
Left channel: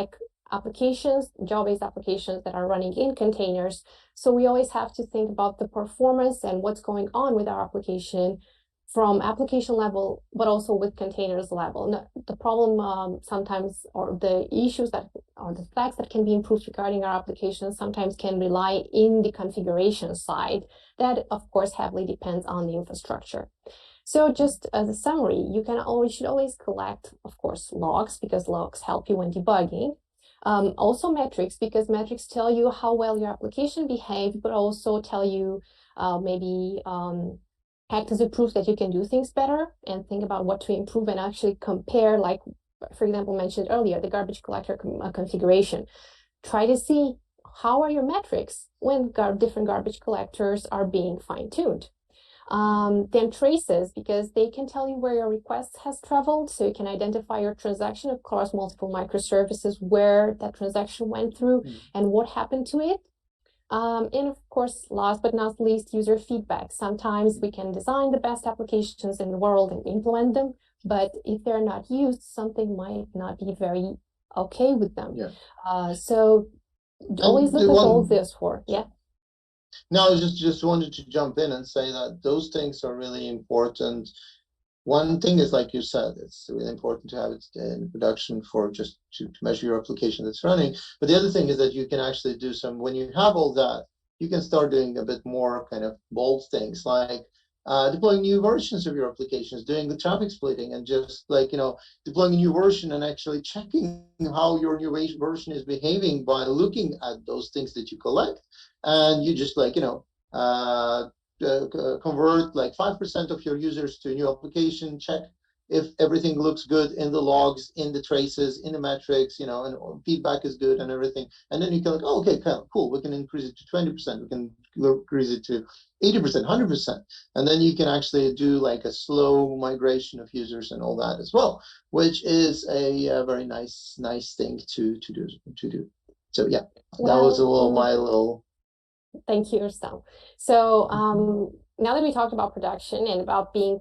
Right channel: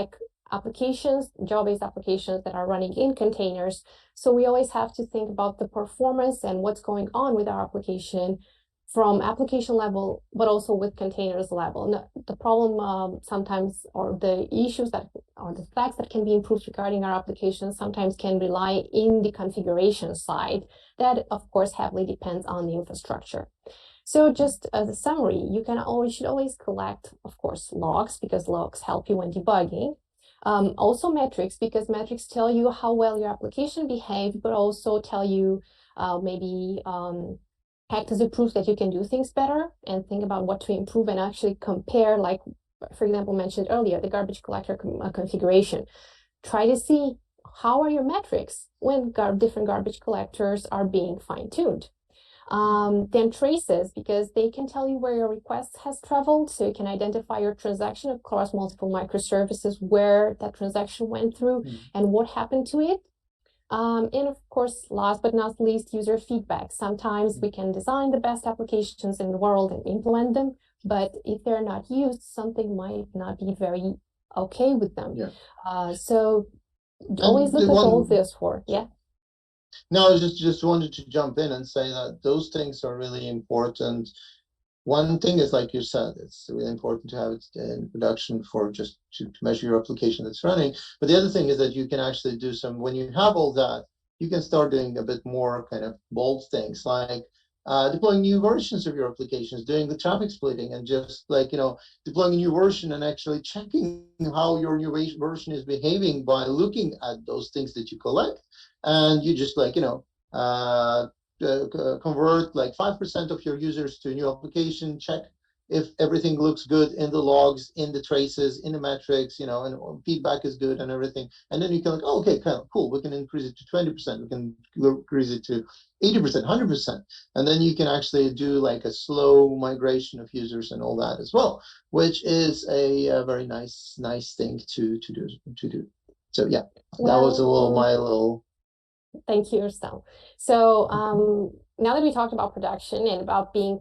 applications, Java-based applications that are running in containers. So we always have to think about the performance and what's going on with our application from application level, but also with containers level. And the problem sometimes, or the issues that, or the facts that can be improved regarding our applications sometimes can rely in the configuration side. That, of course, heavily depends on the infrastructure. So just as a summary, you should always collect, of course, logs, because logs help you when debugging. Also metrics, because metrics tell you how well your application behaved, but also tell you maybe act as a proof that you can do things better and think about what to improve and actually compare, for example, mentioned earlier, the garbage collector configuration. Try to see how are your metrics when different garbage collectors are being fine-tuned. Then traces, because they can tell you where your request has traveled, so you can identify your transaction across multiple microservices, where that transaction went through and what happened to it. And of course, last but not least, user feedback. Sometimes we can design the best applications in the world and implement them, but if they're not used, something might not be very okay with them. So always look at all this for, No, I just wanted to jump in and say that those things are really important. One thing is, like you said, it's really important to have it in production for just to measure your application that's running. But the other thing is that you can actually do when you have all that, you can start doing a bit more kind of bold things, like deploying new versions of your applications, doing the traffic splitting, and just deploying a new version and actually checking how your new version is behaving by looking at those things that you collect. And you just convert 5% of your users to a new application, check if everything looks good in the logs, in the traces, in the metrics, and feedback is good and everything. And then you can oh, okay, cool, we can increase it to 20%, we can increase it to 80%, 100%. And then you can actually do a slow migration of users and all that as well, which is a very nice thing to do. So yeah, that was my little. Thank you, Rustam. So now that we talked about production and about being,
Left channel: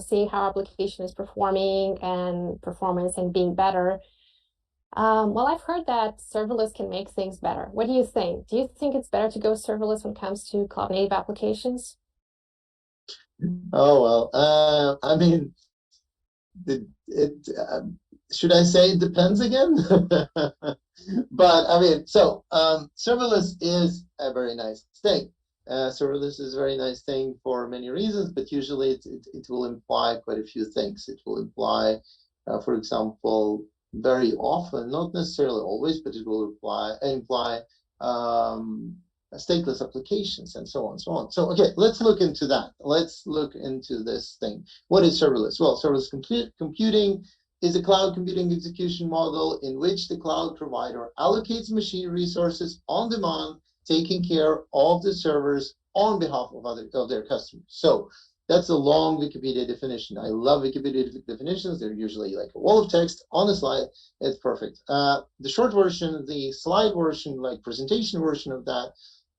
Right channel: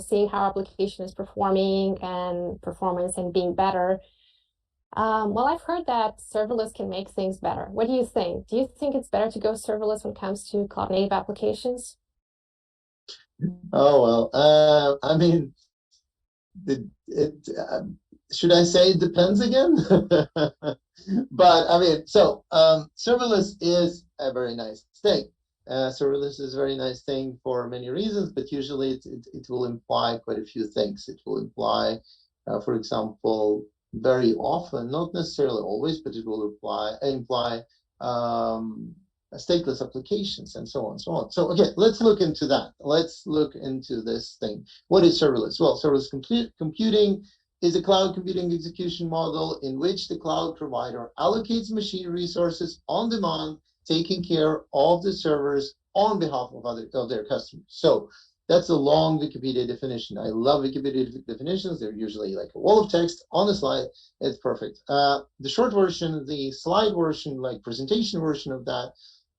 seeing how our application is performing and performance and being better, well, I've heard that serverless can make things better. What do you think? Do you think it's better to go serverless when it comes to cloud native applications? Oh, well, I mean, should I say it depends again? But I mean, so serverless is a very nice thing. Serverless is a very nice thing for many reasons, but usually it will imply quite a few things. It will imply, for example, very often, not necessarily always, but it will imply stateless applications and so on and so on. So, okay, let's look into that. Let's look into this thing. What is serverless? Well, serverless computing is a cloud computing execution model in which the cloud provider allocates machine resources on demand, taking care of the servers on behalf of their customers. So that's a long Wikipedia definition. I love Wikipedia definitions. They're usually like a wall of text on a slide. It's perfect. The short version, the slide version, like presentation version of that,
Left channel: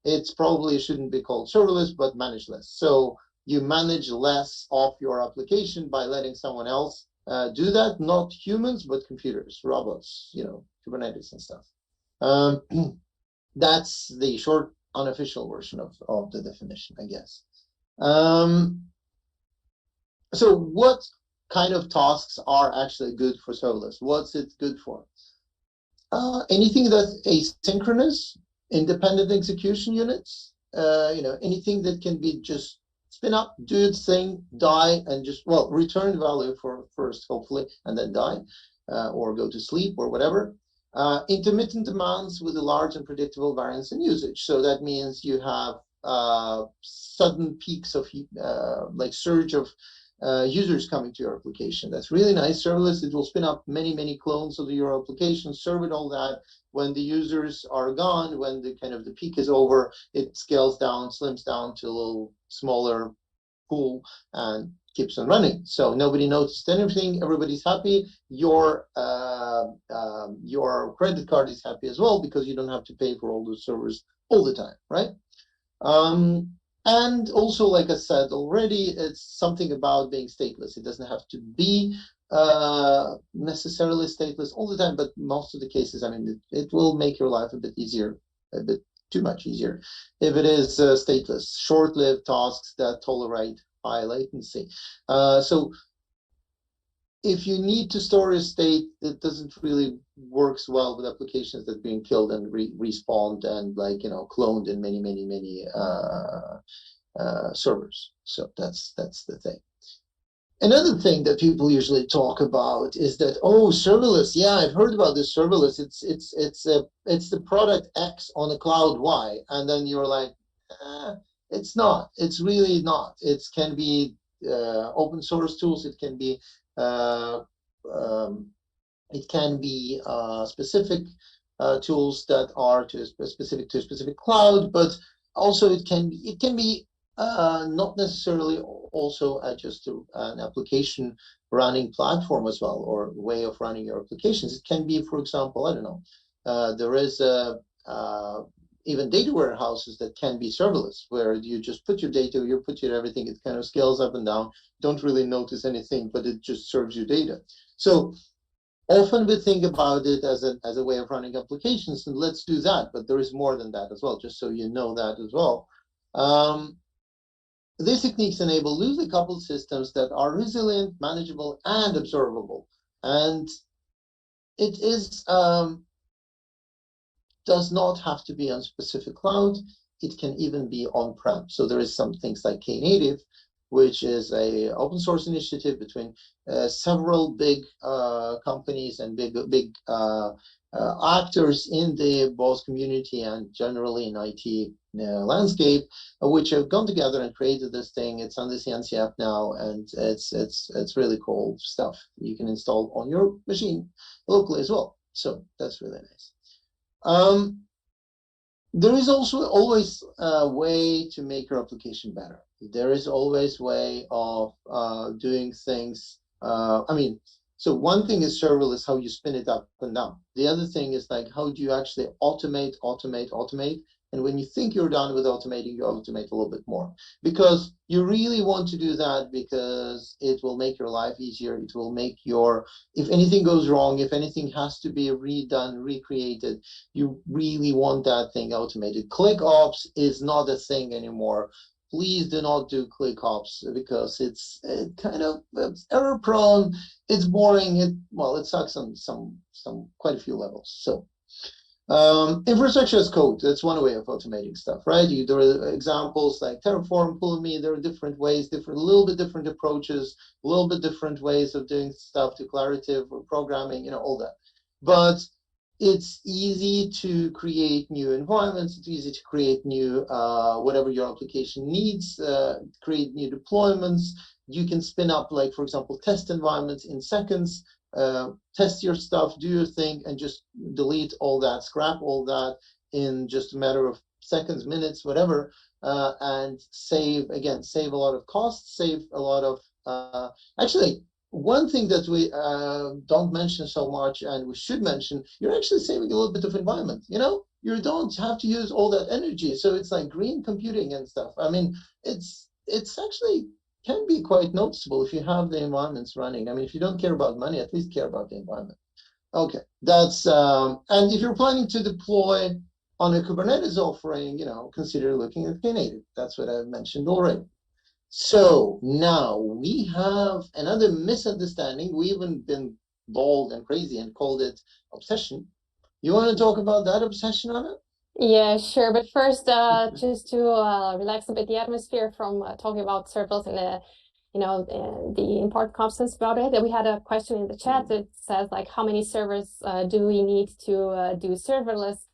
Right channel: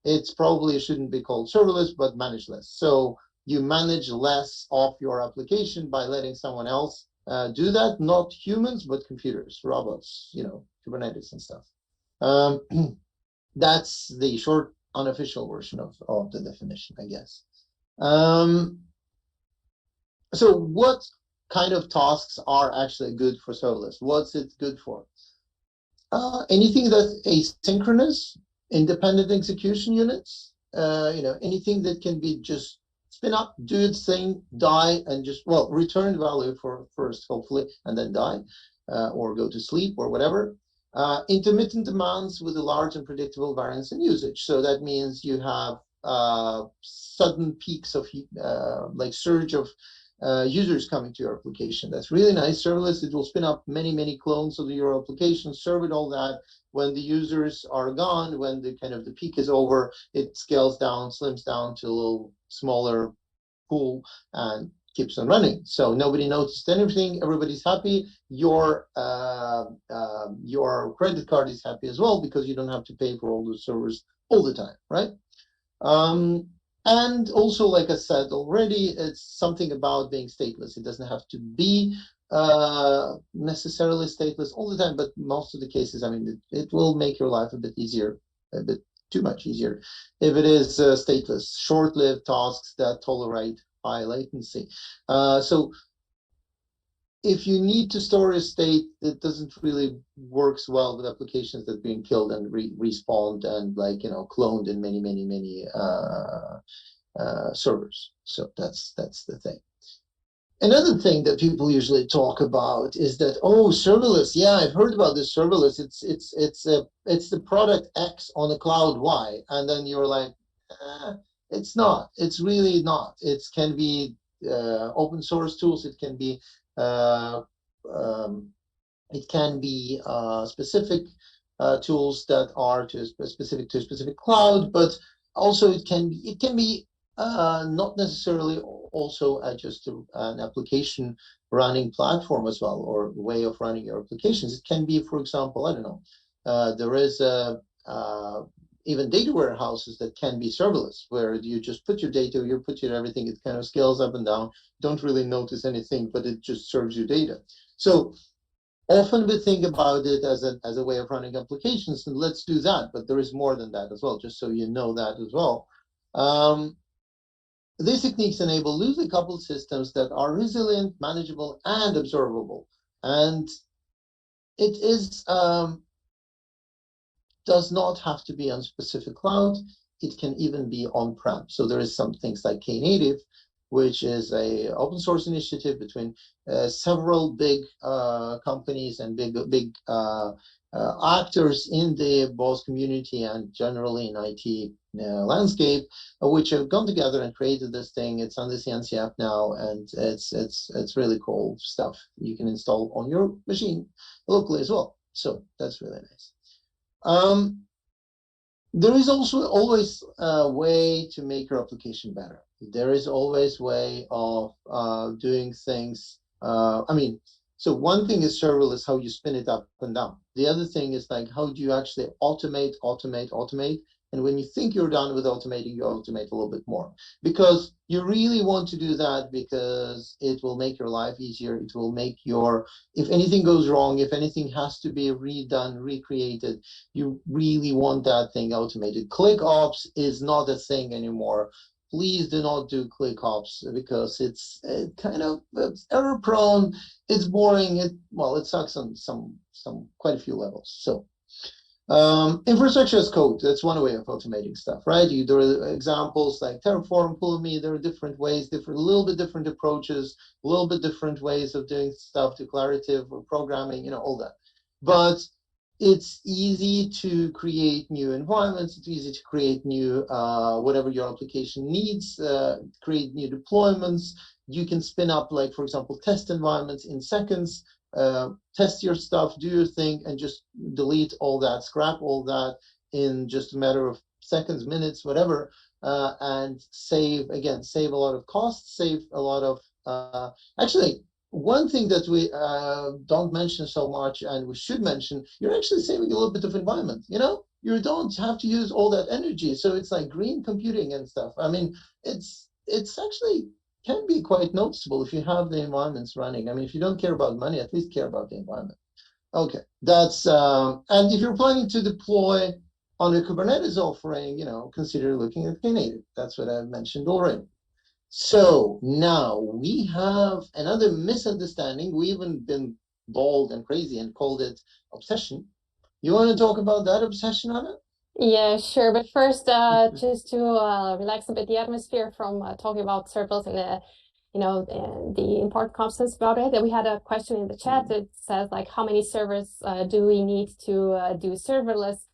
it's probably shouldn't be called serverless, but manage less. So you manage less of your application by letting someone else do that, not humans, but computers, robots, Kubernetes and stuff. That's the short, unofficial version of the definition, I guess. So what kind of tasks are actually good for serverless? What's it good for? Anything that's asynchronous, independent execution units, anything that can be just spin up, do its thing, die, and just, return value for first, hopefully, and then die, or go to sleep or whatever. Intermittent demands with a large and predictable variance in usage. So that means you have sudden peaks of like surge of users coming to your application. That's really nice. Serverless, it will spin up many clones of your application, serve it all that. When the users are gone, when the peak is over, it scales down, slims down to a little smaller pool and keeps on running. So nobody noticed anything. Everybody's happy. Your credit card is happy as well because you don't have to pay for all the servers all the time, right? And also, like I said already, it's something about being stateless. It doesn't have to be necessarily stateless all the time, but most of the cases, it will make your life a bit easier, a bit too much easier, if it is stateless, short-lived tasks that tolerate high latency. So if you need to store a state, it doesn't really works well with applications that are being killed and respawned and cloned in many servers. So that's the thing. Another thing that people usually talk about is that, serverless. Yeah, I've heard about this serverless. It's the product X on a cloud Y, and then you're like, it's not. It's really not. It can be open source tools. It can be specific tools that are specific to a specific cloud, but also it can be not necessarily also just an application running platform as well, or way of running your applications. It can be, for example, I don't know, there is even data warehouses that can be serverless, where you just put your data, you put your everything, it kind of scales up and down, don't really notice anything, but it just serves you data. So often we think about it as a way of running applications, and let's do that, but there is more than that as well, just so you know that as well. These techniques enable loosely coupled systems that are resilient, manageable, and observable. And it is does not have to be on specific cloud. It can even be on-prem. So there is some things like Knative, which is a open source initiative between several big companies and big actors in the both community and generally in IT landscape, which have gone together and created this thing. It's on the CNCF now, and it's really cool stuff you can install on your machine locally as well. So that's really nice. There is also always a way to make your application better. There is always a way of doing things. So one thing is serverless, how you spin it up and down. The other thing is like, how do you actually automate? And when you think you're done with automating, you automate a little bit more, because you really want to do that because it will make your life easier. It will make if anything goes wrong, if anything has to be redone, recreated, you really want that thing automated. ClickOps is not a thing anymore. Please do not do ClickOps because it's error prone. It's boring. It sucks on quite a few levels. So Infrastructure as code, that's one way of automating stuff, right? There are examples like Terraform, Pulumi, there are different ways, a little bit different approaches, a little bit different ways of doing stuff, declarative or programming, all that. But it's easy to create new environments, it's easy to create new, whatever your application needs, create new deployments. You can spin up, like, for example, test environments in seconds. Test your stuff, do your thing, and just delete all that, scrap all that in just a matter of seconds, minutes, whatever, and save a lot of costs, save a lot of, actually, one thing that we don't mention so much, and we should mention, you're actually saving a little bit of environment, you don't have to use all that energy, so it's like green computing and stuff. I mean, it's actually can be quite noticeable if you have the environments running. I mean, if you don't care about money, at least care about the environment. Okay, that's and if you're planning to deploy on a Kubernetes offering, consider looking at Knative. That's what I've mentioned already. So now we have another misunderstanding. We even been bold and crazy and called it obsession. You want to talk about that obsession, Anna? Yeah, sure. But first, just to relax a bit the atmosphere from talking about serverless and the important concepts about it. And we had a question in the chat that says like, how many servers do we need to do serverless?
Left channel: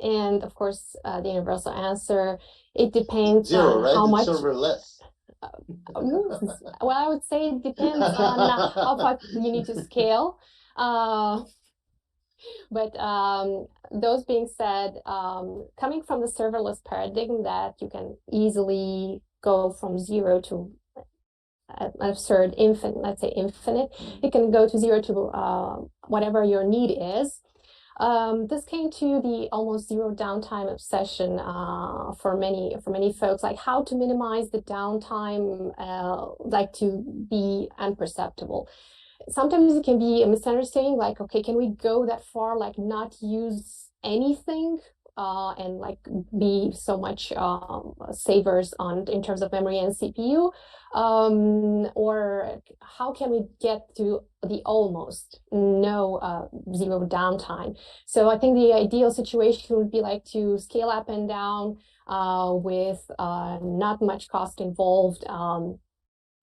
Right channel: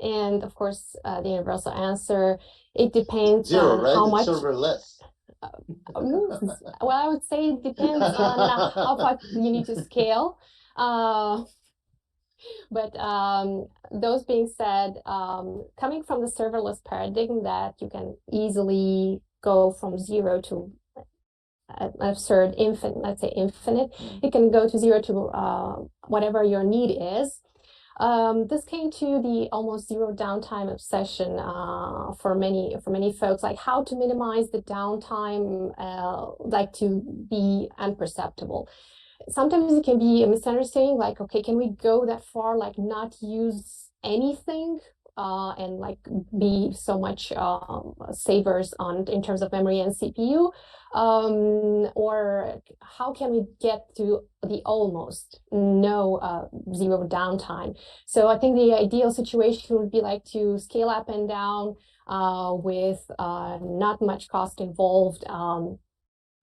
And of course, the universal answer, it depends Zero, on right? how It's much. serverless. Well, I would say it depends on how far you need to scale. But those being said, coming from the serverless paradigm that you can easily go from zero to an absurd infinite, let's say infinite, you can go to zero to whatever your need is. This came to the almost zero downtime obsession for many folks, like how to minimize the downtime, like to be imperceptible. Sometimes it can be a misunderstanding, like, okay, can we go that far, like not use anything and like be so much savers in terms of memory and CPU, or how can we get to the almost no zero downtime? So I think the ideal situation would be like to scale up and down with not much cost involved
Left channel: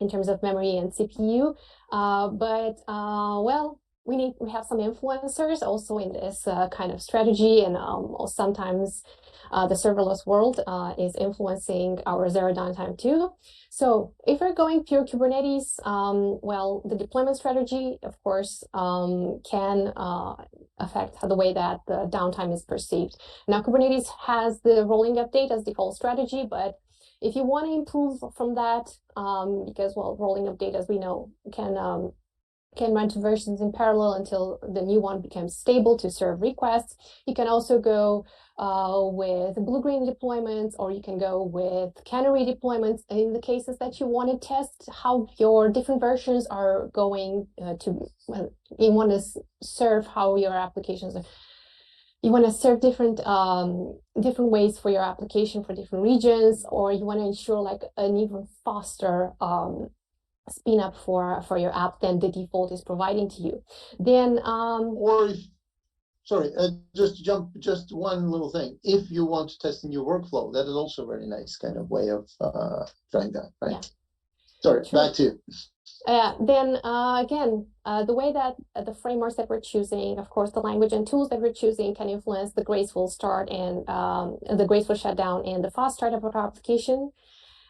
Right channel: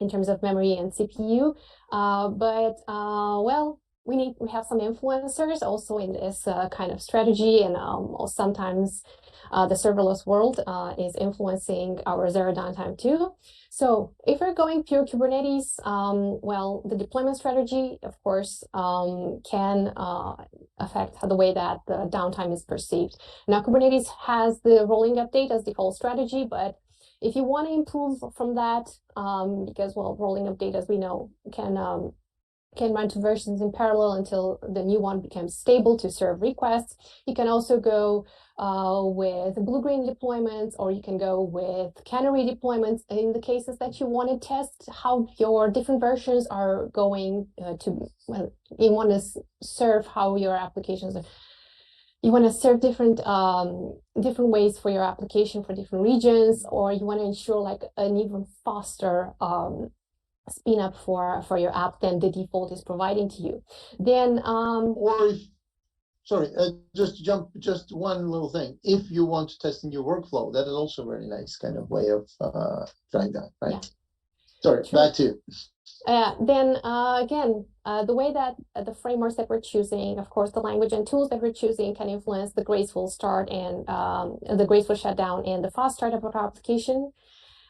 in terms of memory and CPU. Well, we have some influencers also in this kind of strategy, and sometimes the serverless world is influencing our zero downtime too. So if we're going pure Kubernetes, well, the deployment strategy, of course, can affect the way that the downtime is perceived. Now, Kubernetes has the rolling update as the whole strategy, but if you want to improve from that, because, well, rolling update, as we know, can run two versions in parallel until the new one becomes stable to serve requests. You can also go with blue-green deployments, or you can go with canary deployments in the cases that you want to test how your different versions are going to, well, you want to serve how your applications are. You want to serve different ways for your application for different regions, or you want to ensure like an even faster spin up for your app than the default is providing to you. Then or if, sorry, just one little thing. If you want to test a new workflow, that is also a very nice kind of way of trying that, right? Yeah. Sorry, true. Back to you. Then again, the way that the frameworks that we're choosing, of course, the language and tools that we're choosing can influence the graceful start and the graceful shutdown and the fast start of our application.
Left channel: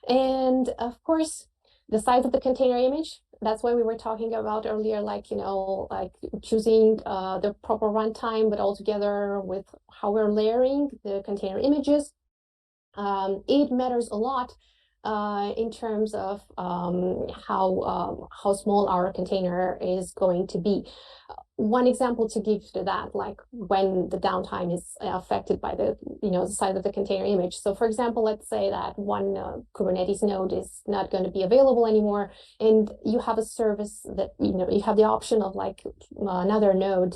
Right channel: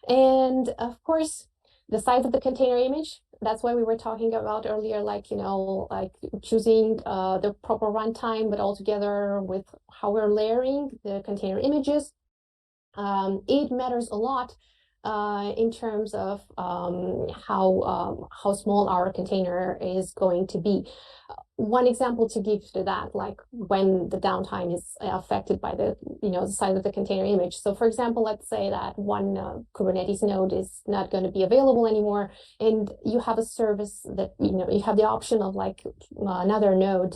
And of course, the size of the container image, that's why we were talking about earlier, like, like choosing the proper runtime, but all together with how we're layering the container images. It matters a lot in terms of how small our container is going to be. One example to give to that, like when the downtime is affected by the the size of the container image. So for example, let's say that one Kubernetes node is not going to be available anymore, and you have a service that you have the option of like another node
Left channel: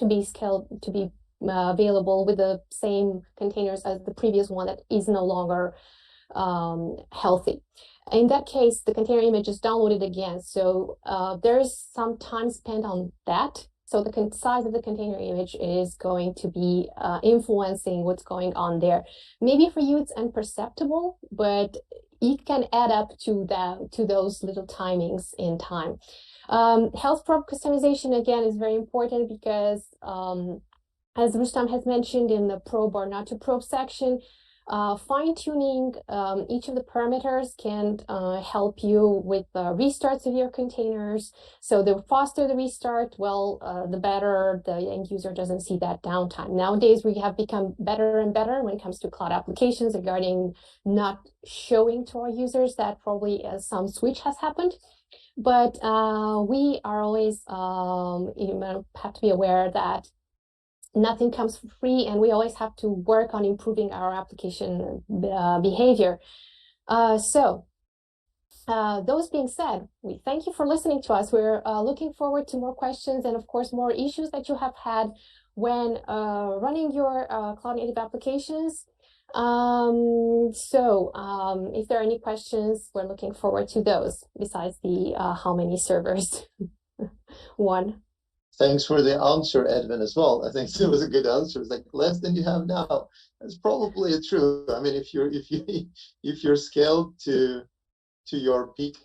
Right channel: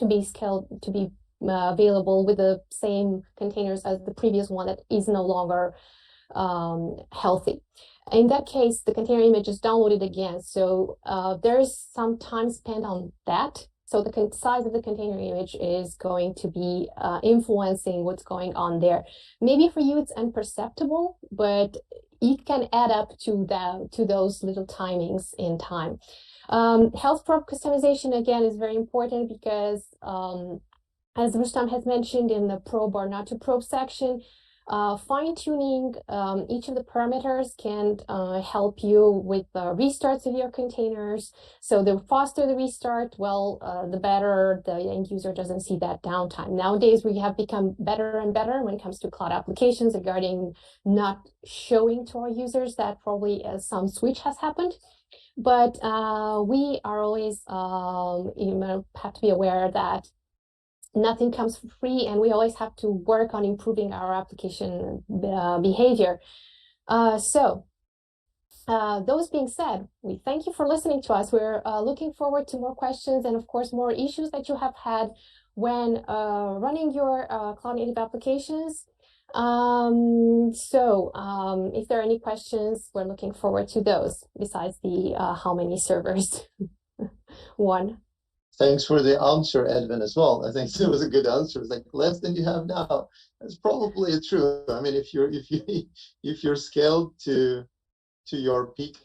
to be scaled to be available with the same containers as the previous one that is no longer healthy. In that case, the container image is downloaded again. So there's some time spent on that So the size of the container image is going to be influencing what's going on there. Maybe for you it's imperceptible, but it can add up to those little timings in time. Health probe customization, again, is very important because as Rustam has mentioned in the probe or not to probe section, fine-tuning each of the parameters can help you with the restarts of your containers. So the faster the restart, well, the better the end user doesn't see that downtime. Nowadays, we have become better and better when it comes to cloud applications regarding not showing to our users that probably some switch has happened. But we are always have to be aware that nothing comes for free, and we always have to work on improving our application behavior. Those being said, we thank you for listening to us. We're looking forward to more questions and, of course, more issues that you have had when running your cloud native applications. If there are any questions, we're looking forward to those besides the how many servers one. Thanks for the answer, Edwin, as well. I think it was a good answer. It's like less than you have now. That's probably true. I mean, if you're scaled to your peak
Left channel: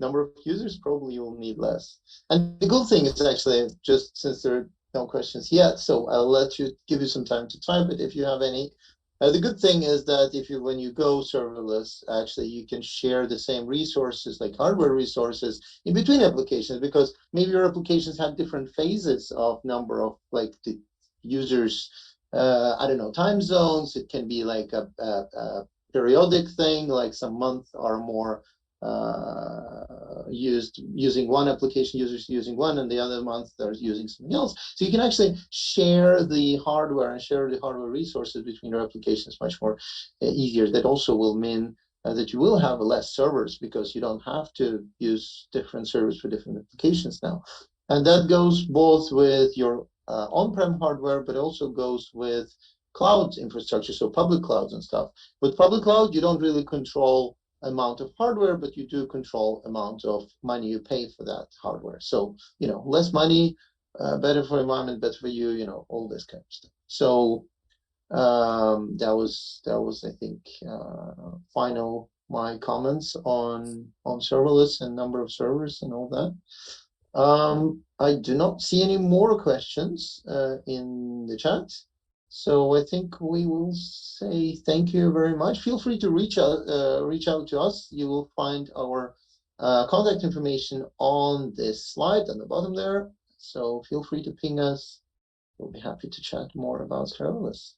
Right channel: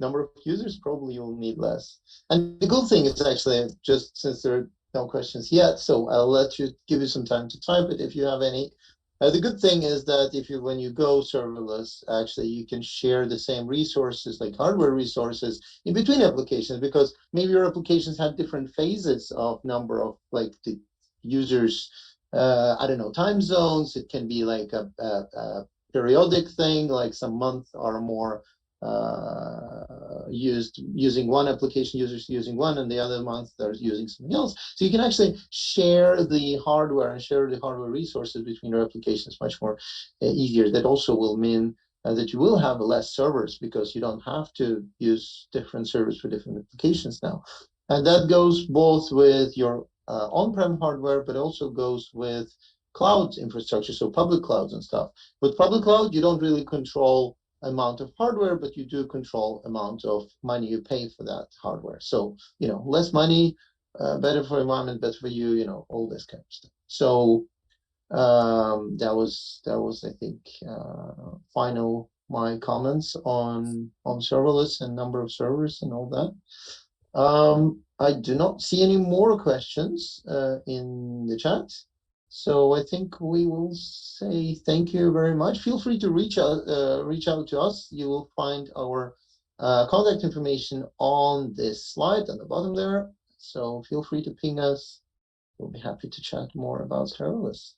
number of users, probably you'll need less. And the good thing is actually, just since there are no questions yet, so I'll let you give you some time to type it if you have any. The good thing is that when you go serverless, actually you can share the same resources, like hardware resources, in between applications, because maybe your applications have different phases of number of like the users. I don't know, time zones. It can be like a periodic thing, like some months are more using one application, users using one, and the other month they're using something else. So you can actually share the hardware and share the hardware resources between your applications much more easier. That also will mean that you will have less servers, because you don't have to use different servers for different applications now. And that goes both with your on-prem hardware, but also goes with cloud infrastructure, so public clouds and stuff. With public cloud, you don't really control amount of hardware, but you do control amount of money you pay for that hardware. So, less money, better for environment, better for you, all this kind of stuff. So that was I think my comments on serverless and number of servers and all that. I do not see any more questions in the chat. So I think we will say thank you very much. Feel free to reach out to us. You will find our contact information on this slide on the bottom there. So feel free to ping us. We'll be happy to chat more about serverless.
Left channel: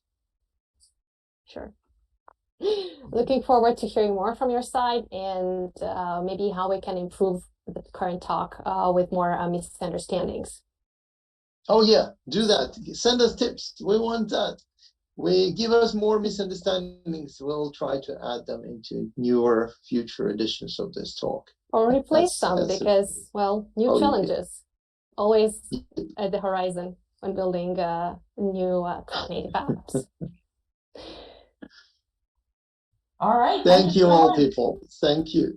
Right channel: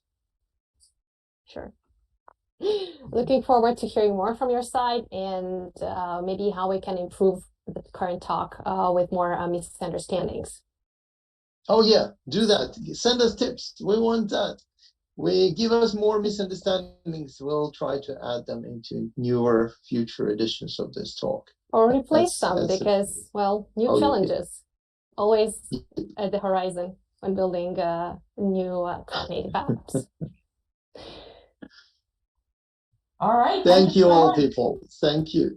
Sure. Looking forward to hearing more from your side, and maybe how we can improve the current talk with more misunderstandings. Oh yeah, do that. Send us tips. We want that. Give us more misunderstandings. We'll try to add them into newer future editions of this talk. Or replace some, because, well, new challenges always at the horizon when building new cloud native apps. All right. Thank you all, people. Thank you.